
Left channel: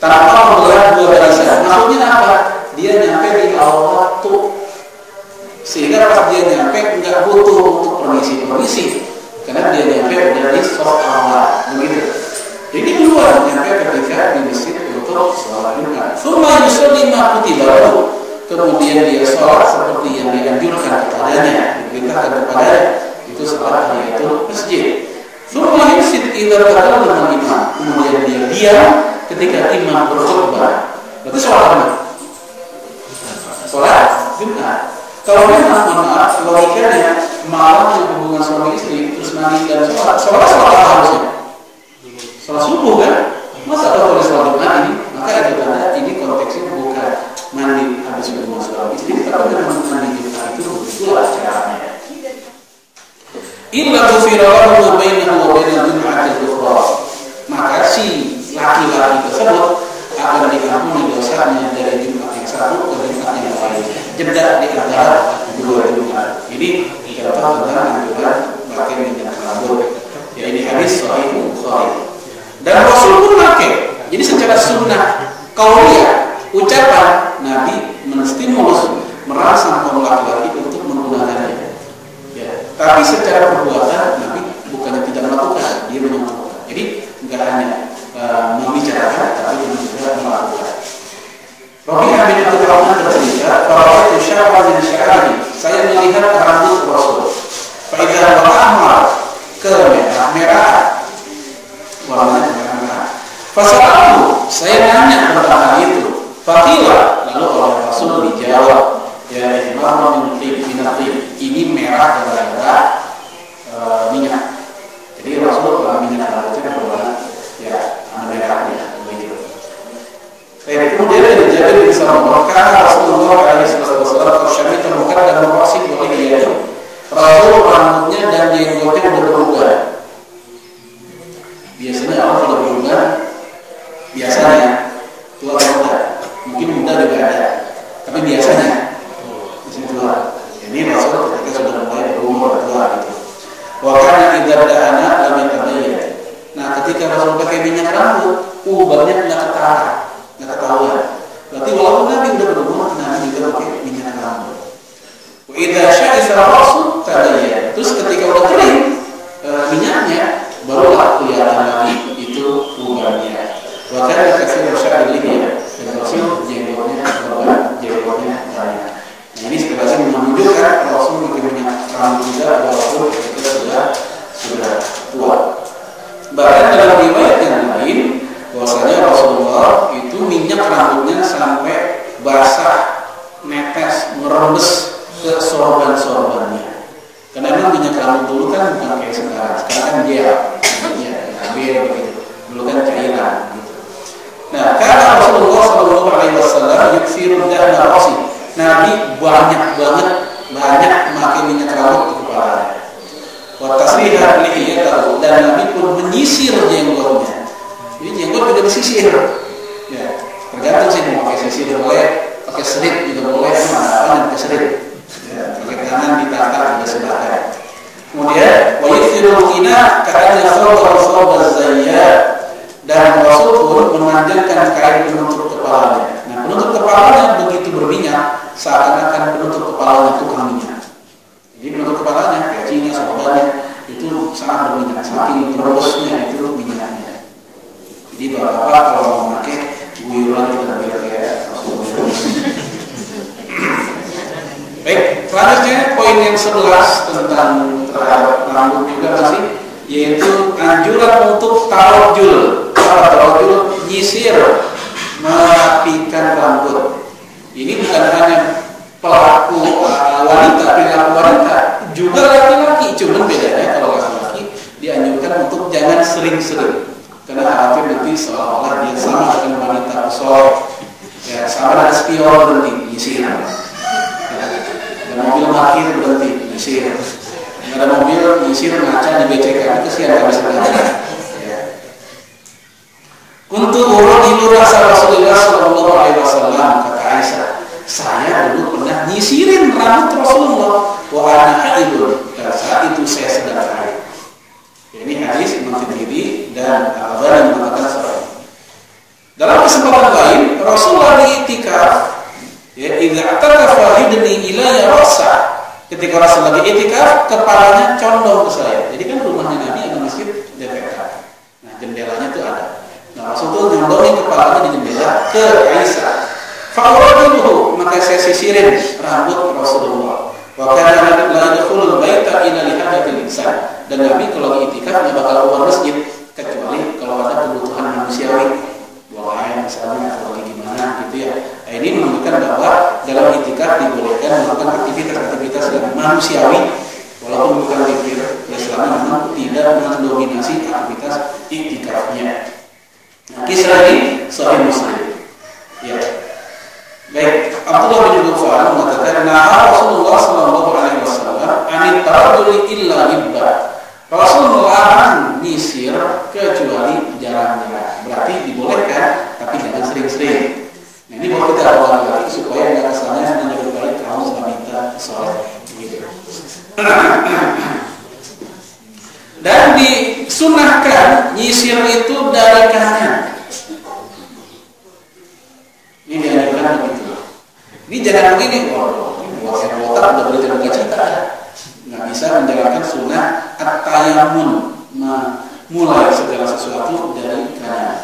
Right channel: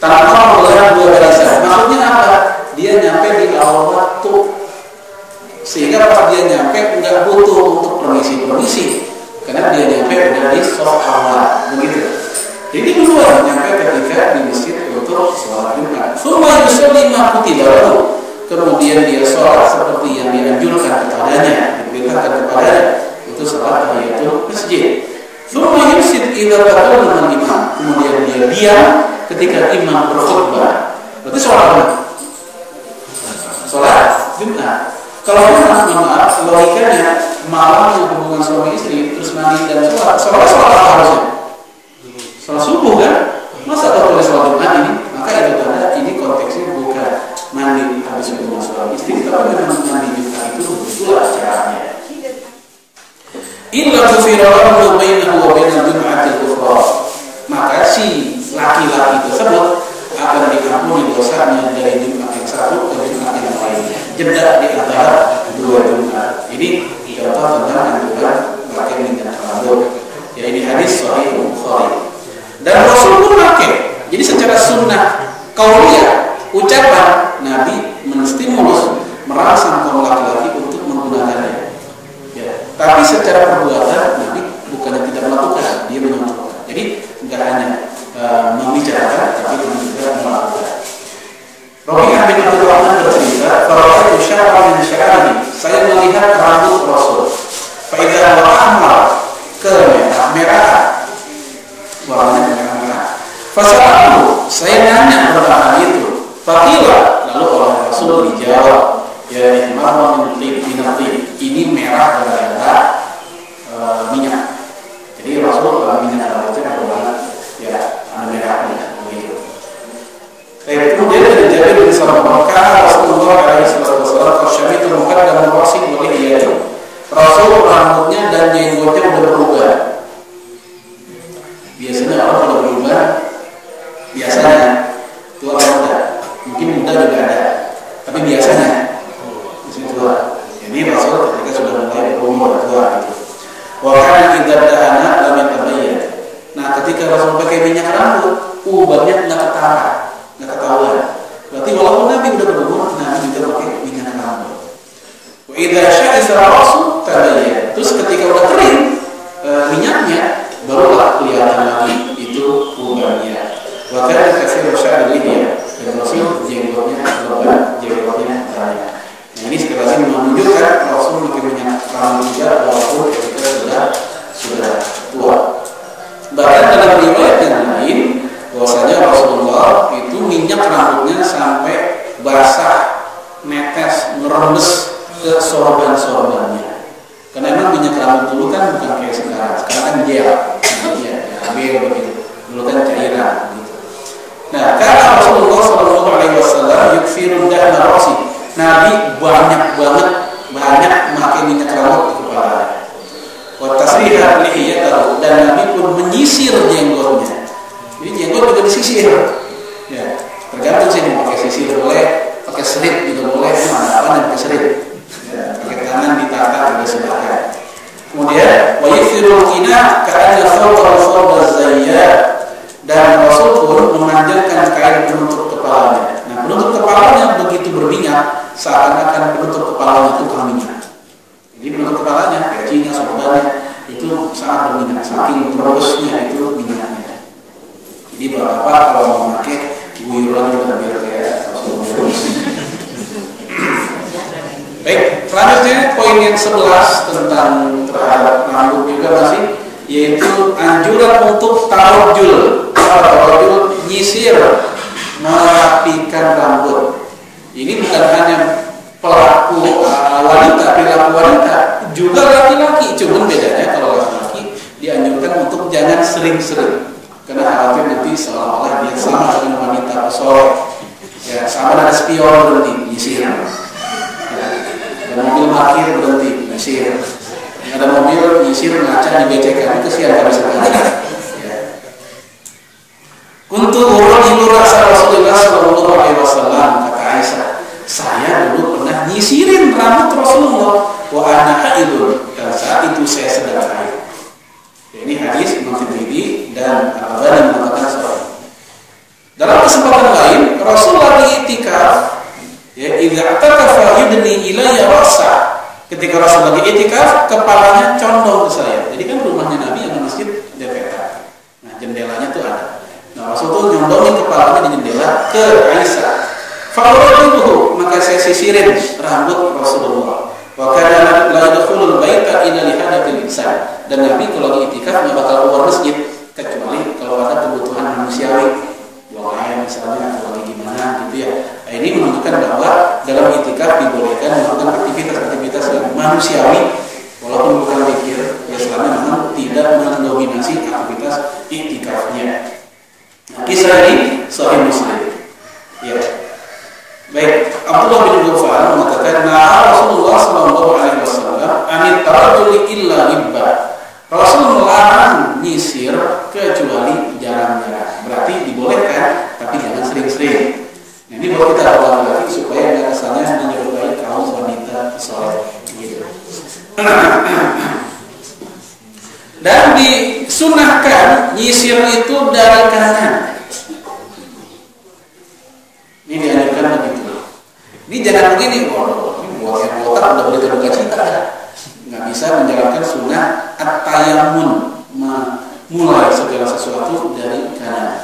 Tanpa membelah dua barisan. Maksudnya apa? Dia nyampe di awal waktu. Sehingga pas dia nyampe enggak butuh untuk permisi. Karena dia nyampe udah di shaf awal. Begitu. Jadi keluar nyampe ketika di masjid untuk sholat Jumat. Tsumma yusalli ma kutiba lahu. Kemudian dia sholat seperti yang dianjurkan kepadanya, diperintahkan kepadanya, itu sholat tahiyatul masjid. Tsumma yusid idza takallama imam. Kemudian dia diam ketika imam berkhutbah. Berarti sholat apa? Sholat Jumat. Kalau memang maaf, logikanya malam yang hubungan suami istri terus mandi dan sholat apa harusnya? Sholat subuh kan? Masa kalau tulis sholat Jumat ini? Maka itu tanda ini konteksnya bukan mandi habis hubungan suami istri, tapi memang mandi Jumat itu begitulah caranya. Illa tufirahu bainahu wa bainal jum'atil ukhra. Maka si laki-laki tersebut akan diampuni dosanya dari Jumat yang satu ke Jumat yang lain. Jeda di antara dua Jumat. Ini contoh tentang anjuran pakai minyak rambut. Ya ini hadis sahih Bukhari. Dan Rasul pun pakai. Jadi secara sunnah qauliyah, ucapan Nabi menstimulus merangsang kaum laki-laki untuk menggunakannya. Ya. Tapi secara perbuatan Nabi bukannya tidak melakukan, dia menyentuhkan. Jadi enggak hanya membicarakan, tapi juga melakukan. Rabi'ah bin Abdul Rahman bercerita, "Fara'aitu sya'ran min sya'rihi." Saya melihat rambut Rasul. Fa idza wa'amar kemerah, warnanya merah-merah. Fasa'alu, saya nanya tentang hal itu. Faqila, lalu oleh Rasul dijawab, ya ihmar min tib, ini merah gara-gara minyak. Jadi Rasul kalau minyak rambutnya berwarna ya merahnya begitu. Kemudian dari Jabir bin Samurah, Rasulullah SAW syamita muqaddam ra'si wa lihiyati. Rasul rambutnya dan jenggotnya sudah berubah. Biasanya orang kalau berubah, biasanya tua atau muda, mungkin muda juga ada, tapi biasanya tua. Ini Rasul ketika sudah mulai berumur tua gitu. Wakana idza dahana lam yatabayyan. Nah, ketika Rasul pakai minyak rambut, ubahnya enggak ketara. Nggak ketahuan. Berarti walaupun Nabi udah berumur, Nabi juga pakai minyak rambut. Wa idza sya'isa ra'su tabayyan. Terus ketika udah kering minyaknya, barulah kelihatan lagi itu ubannya. Wa kana katsir sya'ri lihiya. Dan Rasul jenggotnya lebat, jenggotnya banyak. Nah ini sekali lagi menunjukkan Rasul pakai minyak rambut juga walaupun ketika sudah tua. Bahkan dalam riwayat yang lain bahwasanya Rasulullah itu minyak rambutnya sampai basah, netes, ngerembes ke sorban-sorbannya. Karena memang minyak rambut dulu kan bukan kayak sekarang. Sekarang kan gel, ya, gel begitu. Dulu kan cairan gitu. Nah, karena Rasulullah SAW yuksiru dahna ra'si. Nabi banyak pakai minyak rambut di kepalanya. Wa tasriha lihiyatahu, dan Nabi pun menyisir jenggotnya. Jadi jenggot juga disisir. Ya, tergantung sih mau pakai sisir boleh pakai serit juga boleh, apa yang pakai serit. Ya, pakai tangan ditata juga silakan. Kemudian wa yusirul qina ka'anna thawba zayyat, dan Rasul pun memanjangkan kain penutup kepalanya. Nah, penutup kepalanya begitu berminyak seakan-akan penutup kepalanya tukang minyak. Jadi penutup kepalanya, pecinya, sorbannya itu sangat berminyak, saking terusnya itu minyaknya. Jadi bapak kalau mau pakai guyuran juga biar kayak baik, selanjutnya poin yang 11 tentang terhadap rambut juga masih, yaitu anjuran untuk tarojul. Tarojul nyisir, merapikan rambut. Ini bukan hanya pelaku wanita, perilaku wanita, juga laki-laki. Cuman bedanya kalau laki-laki dianjurkan untuk jangan sering-sering, karena khawatir nanti seolah-olah dia sama dengan wanita pesolek. Ya, sama dengan spion berhenti nyisir. Ada mobil parkir berhenti nyisir. Ada mobil nyisir ngaca di becekan, kesian nggak bisa ngaca. Untuk orang ilu rasa Rasulullah Sallallahu Alaihi Wasallam, kata Aisyah, saya dulu pernah nyisirin rambut Rasulullah. Wa ana haidun, dan saat itu saya sedang haid. Ini hadis Imam Tirmidzi dan Al-Albani mengatakan sahih. Dalam kesempatan lain, Rasul lagi itikaf. Ya, idza atakafa yudni ilayya ra'sa. Ketika Rasul lagi itikaf, kepalanya condong ke saya. Jadi kan rumahnya Nabi ada masjid dekat. Nah, jendelanya tuh ada. Nah, Rasul tuh nyondongin kepalanya di jendela ke Aisyah. Fa'uratuhu, maka saya sisirin rambut Rasulullah. Wa kana la yadkhulul baita illa li hadatil insan. Dan Nabi kalau lagi itikaf enggak bakal keluar masjid kecuali kalau ada kebutuhan manusiawi. Buang air misalnya atau lagi gimana gitu ya. Nah, ini menunjukkan bahwa dalam itikaf dibolehkan melakukan aktivitas-aktivitas yang manusiawi walaupun bukan zikir, ya selama memang tidak mendominasi aktivitas itikafnya. Nah, kisah ini sahih Muslim. Ya. Baik, Abdullah bin Ghufar mengatakan, "Na'a Rasulullah sallallahu alaihi wasallam anit tarajuli illa libba." Rasul melarang nyisir kecuali jarang-jarang. Berarti dibolehkan, tapi jangan sering-sering. Nah, ini buat kita laki-laki supaya nggak kesannya menyerupai kaum wanita soleh gitu. Dan disunahkan nyisir itu dari kanan. Ini dianjurkan begitu. Ini jangan begini, ini buat yang botak udah boleh terbuka cita. Nggak bisa menjalankan sunnah at-tayammun, memulai segala sesuatu dari kanan.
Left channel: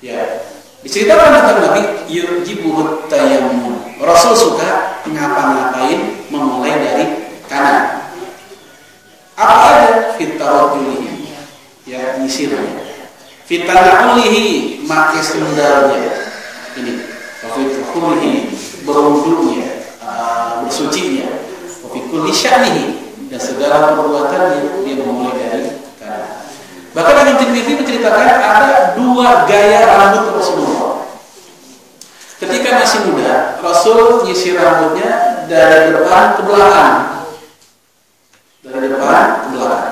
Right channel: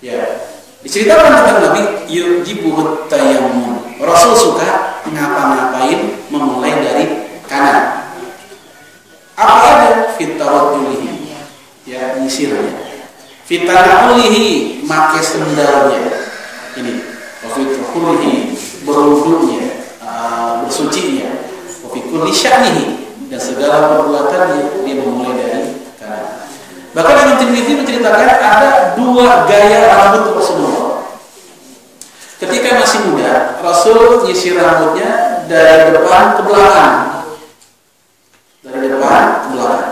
Ya, diceritakan tentang Nabi yujibuhut tayammun. Rasul suka ngapa-ngapain memulai dari kanan. Apa ada fitaratulihi, ya nyisirnya. Fitanahulihi, make sendalnya. Ini, wafitulihi, berwudunya, bersucinya. Wafikulli sya'nihi, dan segala perbuatannya dia memulai dari kanan. Bahkan Imam Tirmidzi menceritakan ada 2 gaya rambut Rasulullah. Ketika masih muda, Rasul nyisir rambutnya dari depan ke belakang. Dari depan ke belakang.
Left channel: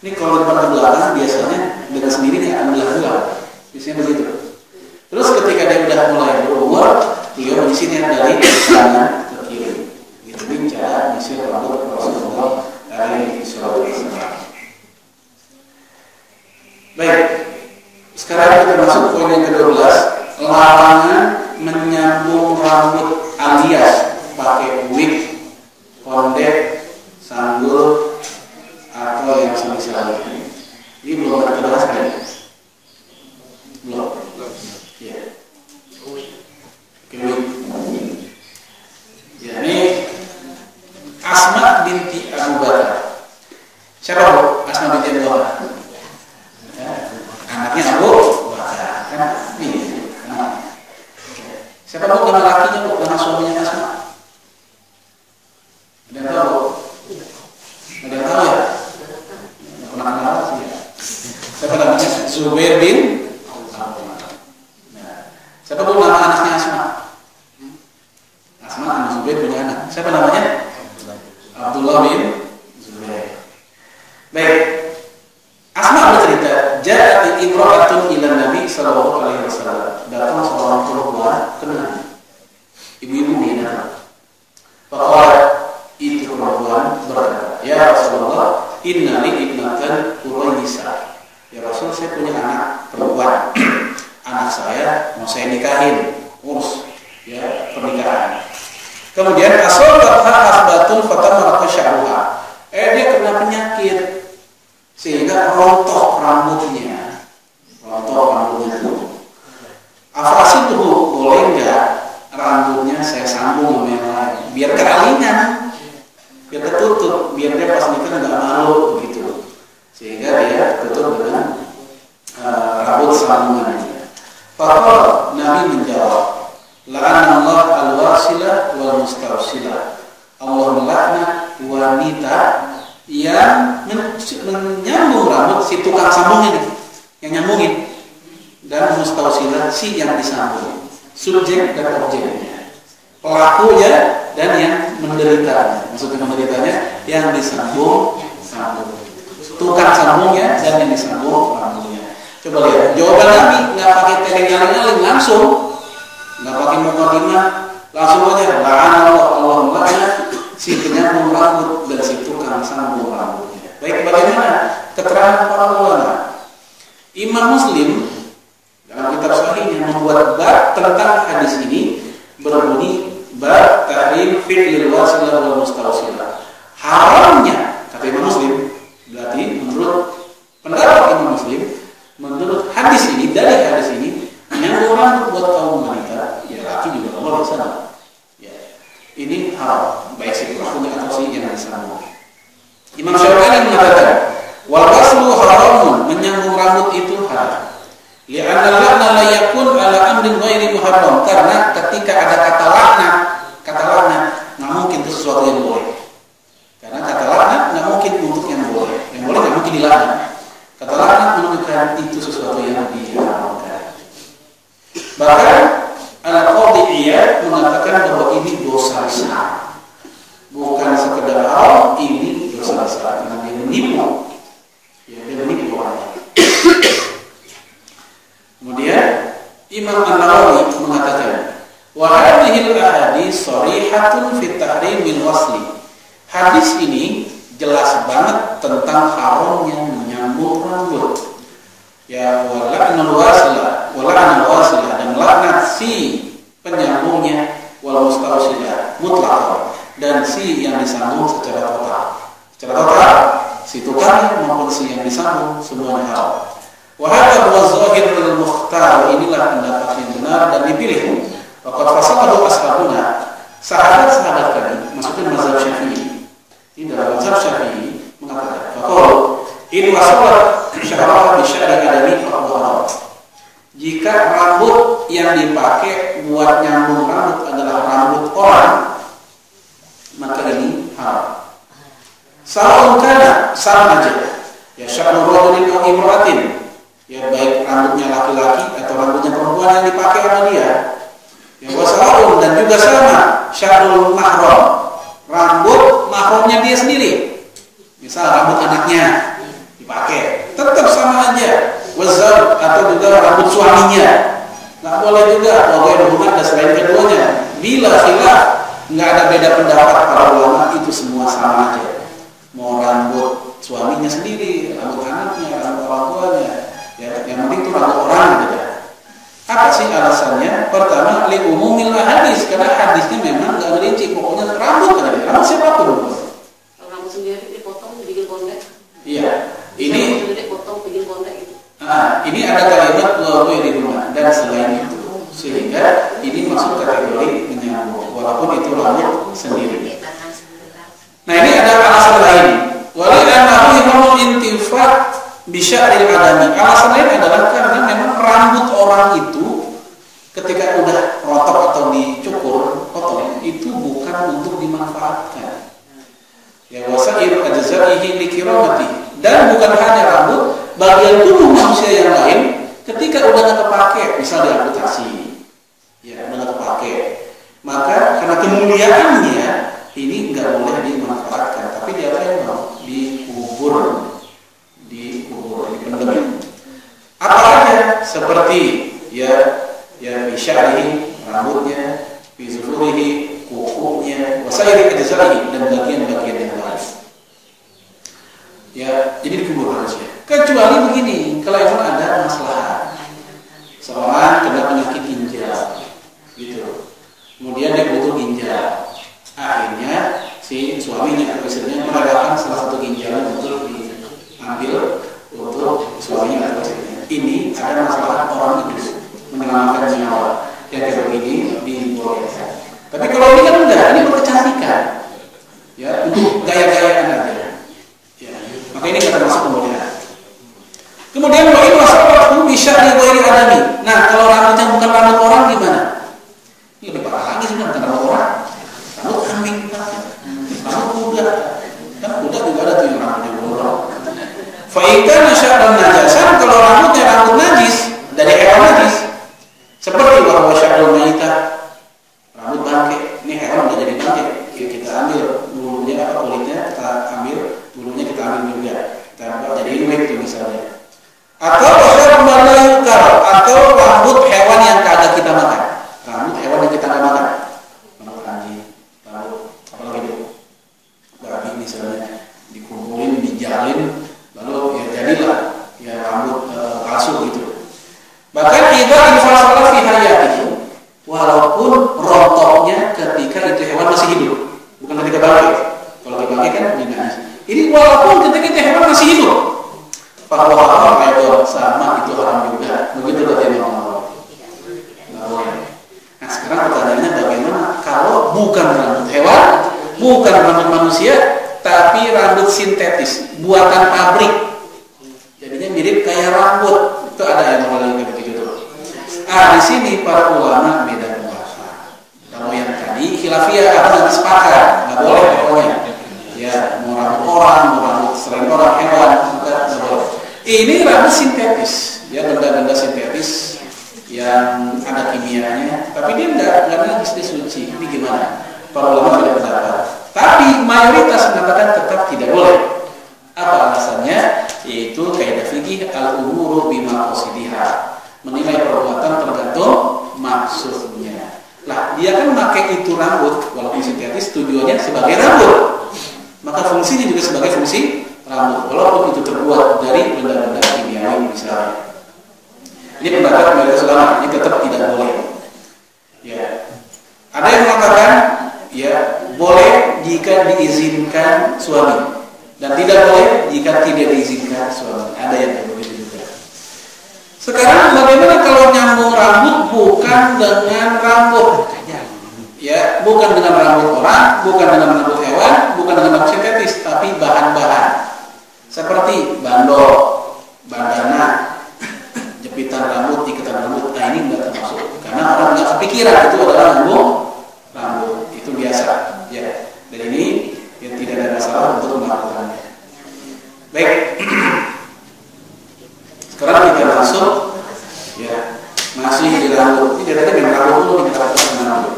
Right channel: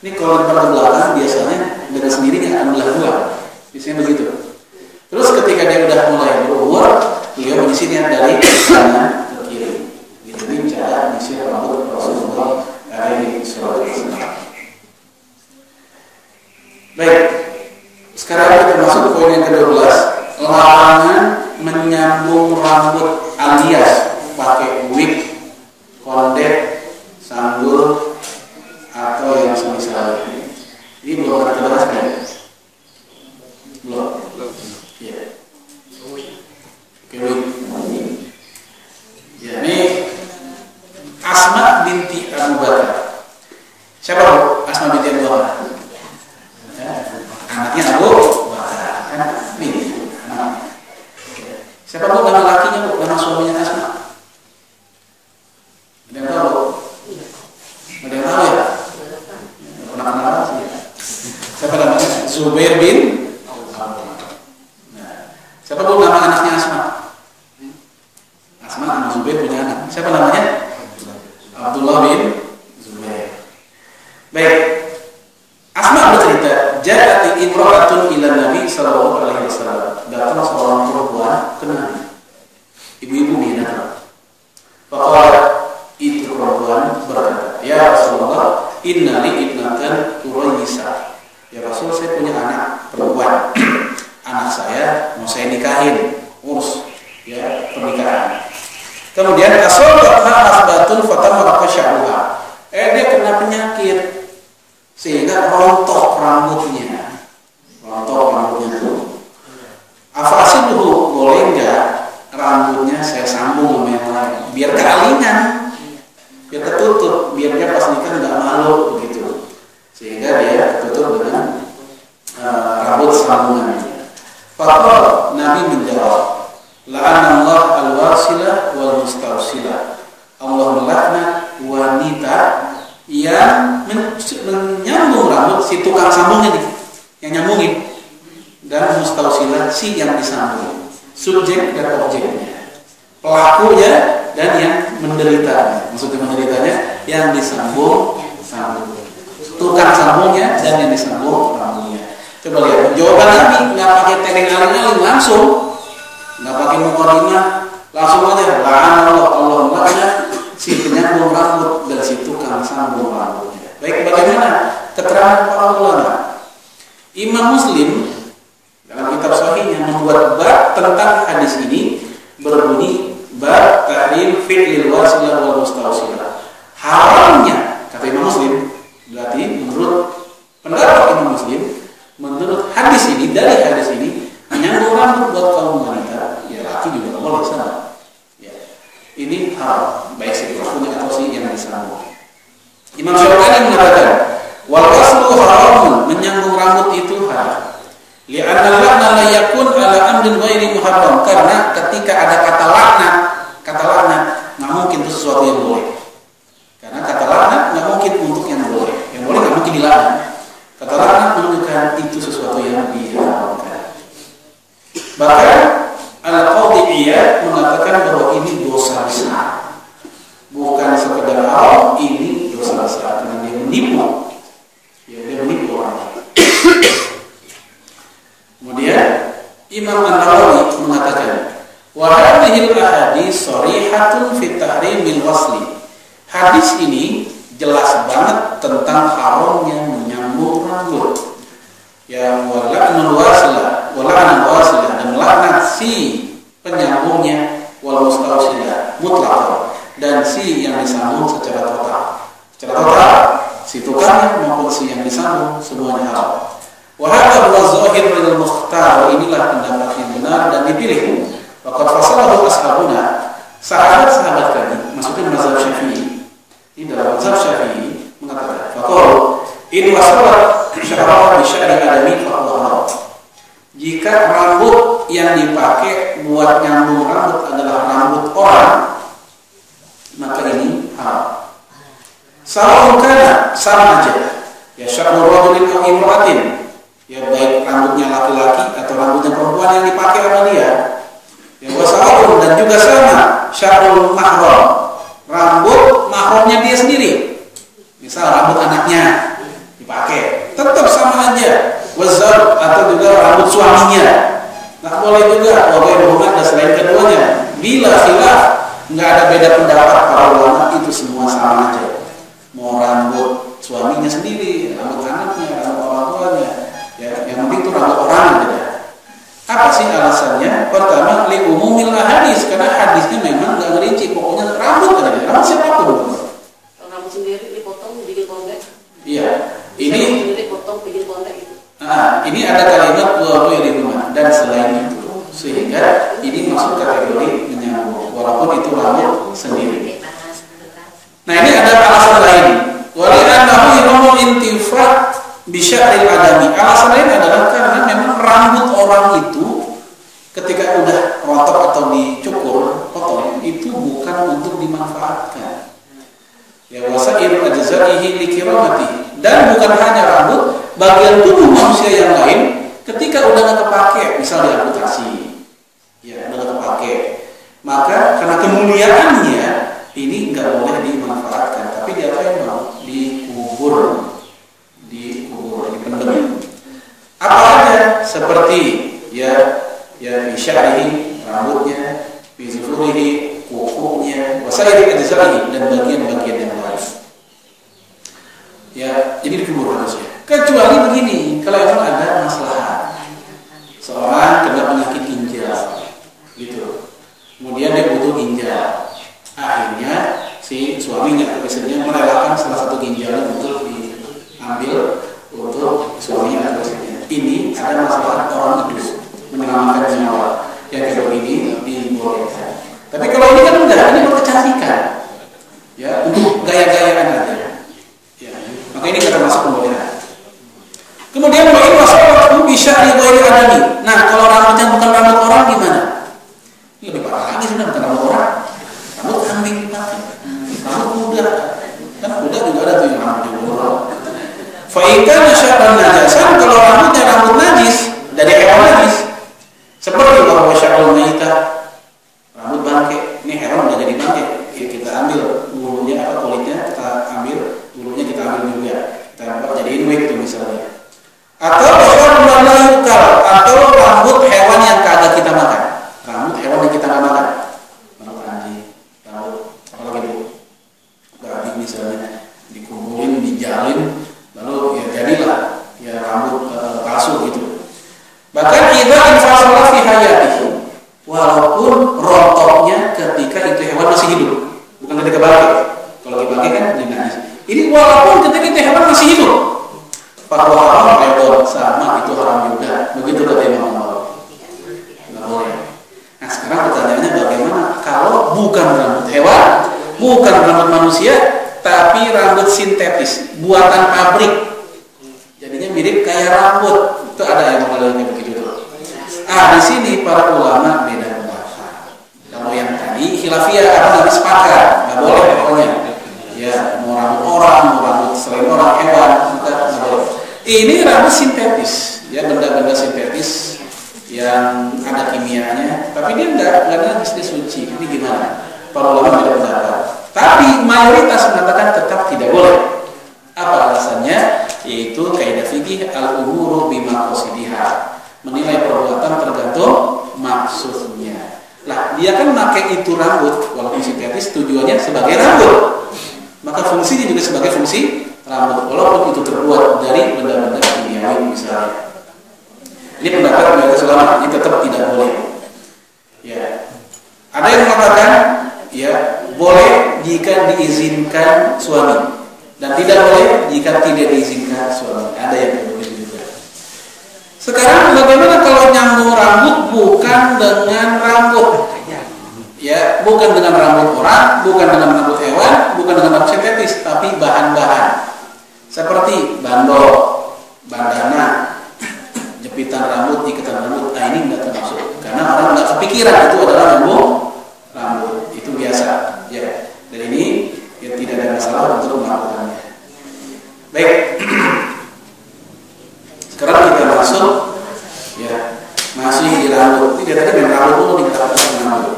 Ini kalau depan ke belakang biasanya dengan sendirinya akan belah 2. Biasanya begitu. Terus ketika dia udah mulai berumur, beliau menyisirnya dari kanan ke kiri. Gitu ini cara nyisir rambut Rasulullah alaihi wasallam. Baik, sekarang kita masuk poin yang ke-12, larangan menyambung rambut alias pakai wig, kondet, sanggul atau yang semisal ini. Ini belum kita bahas kan? Belum. Ya. Pakai wig. Ya, ini Asma binti Abu Bakar. Siapa Bu? Asma binti Abu Bakar. Anaknya Abu Bakar. Kan nih, anak. Siapa Bu nama lakinya Bu? Nama suaminya Asma? Ada yang tahu Bu? Ada yang tahu ya? Nggak pernah kenal ya? Siapa namanya? Zubair bin Awam. Nah, siapa Bu nama anaknya Asma? Asma anak Zubair punya anak. Siapa namanya? Abdullah bin Zubair. Baik. Asma bercerita, ja'at imra'atun ila Nabi sallallahu alaihi wasallam. Datang seorang perempuan ke Nabi. Ibu-ibu masalan Quraisy. Ya Rasul, saya punya anak perempuan. Anak saya mau saya nikahin, urus ya pernikahan. Kemudian asabatha hasbatun fatamarqa sya'ruha. Dia kena penyakit sehingga rontok rambutnya. Tuh. Afasiluhu, boleh enggak rambutnya saya sambung sama yang lain biar kealingan, biar ketutup, biar dia pas nikah enggak malu begitu. Sehingga dia tertutup dengan rambut sambungannya. Faqala, Nabi menjawab, la'anallahu al-wasilah wal mustawsilah. Allah melaknat wanita yang menyambung rambut, si tukang sambungnya nih, yang nyambungin, dan mustawsilah, si yang disambung, subjek dan objeknya, pelakunya dan yang menderitanya. Maksudnya menderitanya yang disambung sambung, tukang sambungnya dan yang disambung rambutnya. Coba lihat jawaban Nabi, nggak pakai teleng aling-aling, langsung, nggak pakai mukadimah, langsung aja la'anallahu, Allah melaknat si penyambung rambut dan si tukang sambung rambutnya. Baik, bagaimana keterangan para ulama? Imam Muslim dalam kitab sahihnya membuat bab tentang hadis ini, berbunyi bab tahrim fi'lil wasilah wal mustawsilah. Haramnya, kata Imam Muslim, berarti menurut pendapat Imam Muslim, menurut hadis ini, dari hadis ini, menyambung rambut buat kaum wanita, ya laki juga boleh sama. Ya, ini haram, baik si pelakunya atau si yang disambung. Imam Syaukani mengatakan, wal waslu haramun, menyambung rambut itu haram. Li'anna al-la'na la yakun ala amrin ghairi muharram, karena ketika ada kata laknat nggak mungkin itu sesuatu yang boleh. Karena kata laknat nggak mungkin untuk yang boleh nggak mungkin dilaknat. Kata laknat menunjukkan itu sesuatu yang diharamkan. Bahkan Al-Qadhi Iyad mengatakan bahwa ini dosa besar, bukan sekedar haram, ini dosa besar karena dia menipu. Ya, dia menipu orang. Kemudian Imam An-Nawawi mengatakan, wa hadhil ahadits sharihatun fi tahrimil wasli. Hadis ini jelas banget tentang haramnya menyambung rambut. Ya wala'nul wasilah dan laknat si penyambungnya, wal mustawsilah mutlaqan, dan si yang disambung secara total. Secara total, si tukang maupun si yang disambung semuanya haram. Wa hadha huwa zahir lil mukhtar, inilah pendapat yang benar dan dipilih. Waqad fasalahu ashabuna, sahabat-sahabat kami, maksudnya mazhab Syafi'i. Ini dalam mazhab Syafi'i mengatakan, faqala in wasalat sya'ra bi sya'ri adami fa huwa haram. Jika rambut yang dipakai buat nyambung rambut adalah rambut orang, maka ini haram. Sawa'un kana, sama aja. Ya sya'ru rajulin aw imra'atin, ya baik rambutnya laki-laki atau rambutnya perempuan yang dipakai sama dia. Ya wasa'un, dan juga sama sya'rul mahram, rambut mahramnya dia sendiri. Misal rambut anaknya dipakai, tetap sama aja. Wazar, atau juga rambut suaminya, nggak boleh juga. Walaupun rumah dan selain keduanya, bila khilaf, nggak ada beda pendapat para ulama, itu semua sama aja. Mau rambut suaminya sendiri, rambut anaknya, rambut orang tuanya, ya yang penting itu rambut orang aja. Apa sih alasannya? Pertama, li umumil hadis, karena hadisnya memang nggak ngerinci, pokoknya rambut aja, rambut siapapun. Rambut sendiri dipotong bikin pondek. Iya, ini dipotong bikin pondek gitu. Ini ada kalimat wa rumah dan selain itu, sehingga ini masuk kategori menyambung walaupun itu rambut sendiri. Nah, ini ada alasan lain. Wali annahu yumul intifaq bi sya'ril adami. Alasan lain adalah karena memang rambut orang itu ketika udah rontok atau dicukur, potong, itu bukan untuk dimanfaatkan. Ya wasa'ir ajza'ihi likiramati, dan bukan hanya rambut, bagian tubuh manusia yang lain ketika udah nggak kepake, misal diamputasi, ya udah nggak kepake, maka karena kemuliaannya ini nggak boleh dimanfaatkan, tapi dia mau dikubur, dipendem. Apa aja? Seperti ya bisyarihi, rambutnya, bizufurihi, kukunya, wasairi ajza'ihi, dan bagian-bagian yang lain. Ya, jadi dikubur. manusia. Kecuali begini, kalau emang ada masalah, seorang kena penyakit ginjal, gitu. Kemudian dia butuh ginjal. Akhirnya si suaminya atau istrinya merelakan salah satu ginjalnya untuk diambil untuk suaminya atau istrinya. Ini ada masalah orang hidup, menyelamatkan nyawa. Yang kayak begini dibolehkan. Tapi kalau ini kan enggak, ini berkecantikan. Ya, untuk gaya-gayaan aja. Ya, maka ini kata masuk pembolehan. Kemudian wa in wasaqatu bi sya'ri ghairi adami. Nah, kalau rambutnya bukan rambut orang gimana? Ini lebih parah lagi sudah, bukan rambut orang. Rambut kambing dipakai. Rambut kuda. Kan kuda juga ada tuh yang rambutnya bolong. Fa in kana sya'ran najasan, kalau rambutnya rambut najis dari hewan najis. Seperti bahwa sya'rul maitah, rambut bangke. Ini hewan udah jadi bangke. Kita ambil bulunya atau kulitnya, kita ambil bulunya, kita ambil juga. Kita jadiin wig tuh misalnya. Atau melayukal, atau rambut hewan yang kagak kita makan. Rambut hewan yang kita nggak makan. Rambut anjing, rambut apalagi itu, babi misalnya, dikumpulin, dijalin, lalu ya jadilah ya rambut palsu gitu. Bahkan kita infasalah fi hayatihi, walaupun rontoknya ketika itu hewan masih hidup, bukan ketika bangkit. Kalau lagi bangkit kan najis. Ini walaupun ketika itu hewan masih hidup, bahwa haram redor sama itu haram juga. Begitu kata Imam Nawawi. Nggak boleh. Nah sekarang pertanyaannya bagaimana kalau bukan rambut hewan, bukan rambut manusia, tapi rambut sintetis, buatan pabrik. Jadinya mirip kayak rambut. Itu ada yang mengalami begitu tuh. Di sini para ulama beda pendapat. Kalau yang tadi khilafiyah apa namanya sepakat, nggak boleh pokoknya. Ya mau rambut orang, mau rambut selain orang, hewan, maka nggak boleh. Ini rambut sintetis, ya benda-benda sintetis yang ada kimianya, tapi dia nggak najis, dia suci. Ini gimana? Para ulama beda pendapat. Tapi mayoritas mengatakan tetap tidak boleh. Apa alasannya? Yaitu kaidah fikih al-umuru bima qasidiha. Menilai perbuatan tergantung maksudnya. Lah, dia kan pakai itu rambut walaupun sintetis tujuannya sebagai rambut. Maka fungsinya juga sebagai fungsi rambut walaupun itu terbuat dari benda-benda kimiawi misalnya. Ini pendapat mayoritas ulama, ini tetap tidak boleh. Ya. Ada yang mengatakan ya boleh jika diizinkan suami dan tidak boleh jika tidak diizinkan suami. Ada yang begitu juga. Sekarang bagaimana kalau nyambung rambut bukan dengan rambut? Ya, bukan dengan rambut orang, bukan dengan rambut hewan, bukan dengan rambut sintetis, tapi bahan-bahan seperti bandol, bandana, jepitan rambut, ikatan rambut. Nah ini nggak termasuk karena orang nggak kepikiran itu adalah nyambung rambut. Itu biasa, ya. Dan ini ya, tidak ada masalah untuk melakukannya. Baik. Sekarang kita masuk, ya masih di rambut. Ini tadi main rambut dulu nih, kita masuk dengan rambut.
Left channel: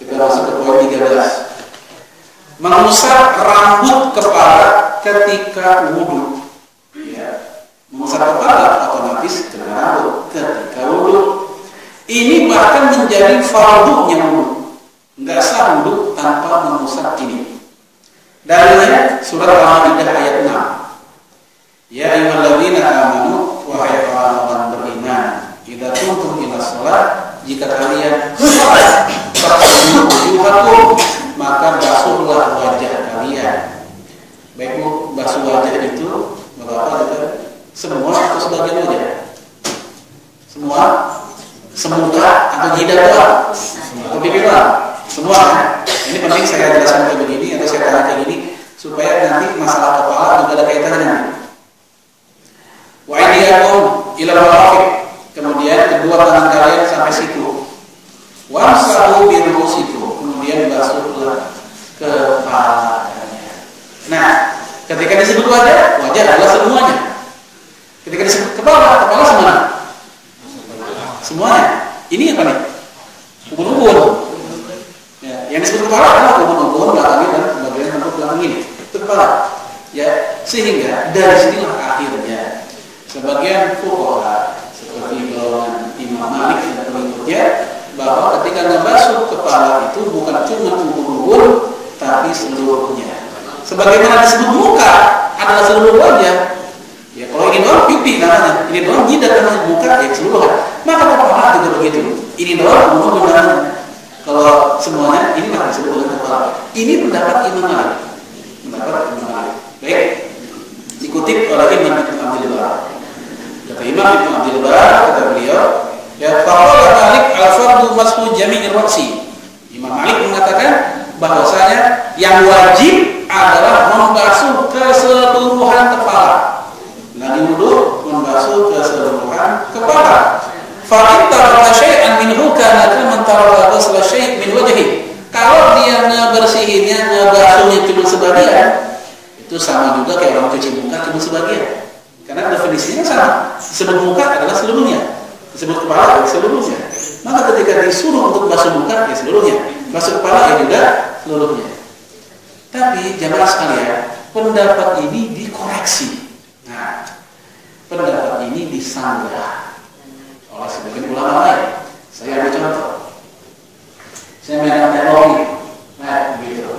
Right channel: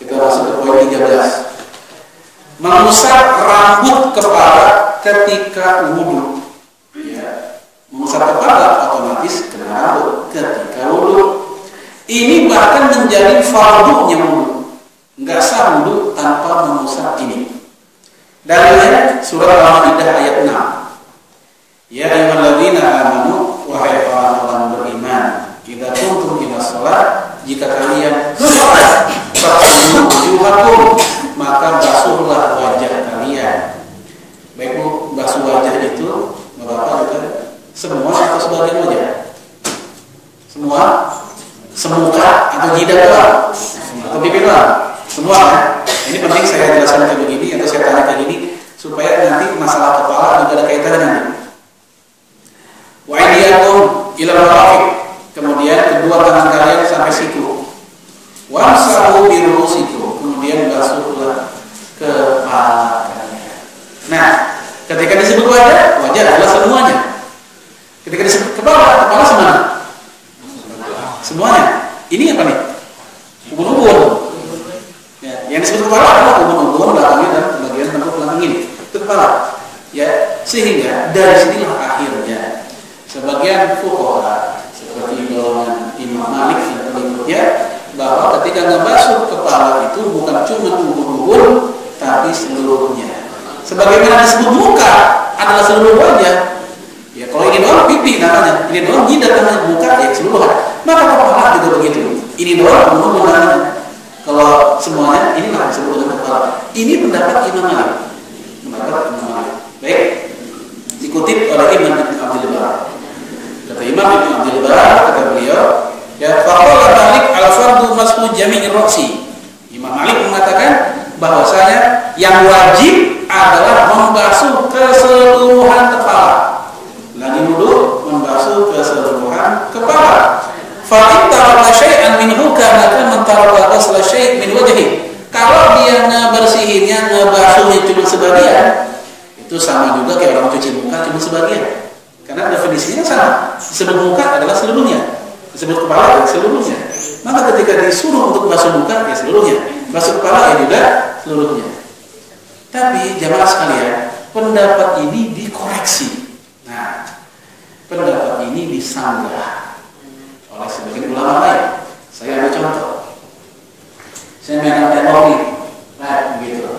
Kita masuk ke poin 13. Mengusap rambut kepala ketika wudhu. Ya, mengusap kepala otomatis kena rambut ketika wudhu. Ini bahkan menjadi fardunya wudhu. Enggak sah wudhu tanpa mengusap ini. Dalilnya surat Al-Maidah ayat 6. Ya ayyuhalladzina amanu, wahai orang-orang beriman, idza qumtum ila shalah, jika kalian salat, faghsilu wujuhakum, maka basuhlah wajah kalian. Baik Bu, basuh wajah itu Bapak juga semua atau sebagian wajah? Semua? Semuka atau jidat doang? Atau pipi doang? Semua kan? Ini penting saya jelaskan kayak begini atau saya tanya kayak gini supaya nanti masalah kepala juga ada kaitannya nanti. Wa aydiyakum ila marafiq, kemudian kedua tangan kalian sampai situ. Wamsahu bi ru'usikum, kemudian basuhlah kepala kalian. Nah, ketika disebut wajah, wajah adalah semuanya. Ketika disebut kepala, kepala semana? Semuanya. Ini apa nih? Ubun-ubun. Ya, yang disebut kepala adalah ubun-ubun belakangnya dan bagian tengkuk belakang ini. Itu kepala. Ya, sehingga dari sinilah akhirnya sebagian fuqaha seperti golongan Imam Malik dan pengikutnya bahwa ketika ngebasuh kepala itu bukan cuma ubun-ubun tapi seluruhnya. Sebagaimana disebut muka adalah seluruh wajah, pipi namanya, ini doang jidat namanya, muka ya keseluruhan. Maka kepala juga begitu. Ini doang umum namanya. Kalau semuanya inilah disebut dengan kepala. Ini pendapat Imam Malik. Baik, dikutip oleh Imam Ibn Abdul Bar. Kata Imam Ibn Abdul Bar, kata beliau, ya faqala Malik al-fardu mashu jami'ir ra'si. Imam Malik mengatakan bahwasanya yang wajib adalah membasuh keseluruhan kepala. Lagi wudu membasuh keseluruhan kepala. Fa in taraka syai'an minhu kana man taraka ghusla syai' min wajhi. Kalau dia ngebersihinnya, ngebasuhnya cuma sebagian, itu sama juga kayak orang cuci muka cuma sebagian. Karena definisinya sama. Disebut muka adalah seluruhnya, disebut kepala adalah seluruhnya. Maka ketika disuruh untuk basuh muka ya seluruhnya, basuh kepala ya juga seluruhnya. Tapi jamaah sekalian, pendapat ini dikoreksi. Nah, pendapat ini disanggah oleh sebagian ulama lain. Saya ambil contoh. Saya megang tembok nih, nah begitu.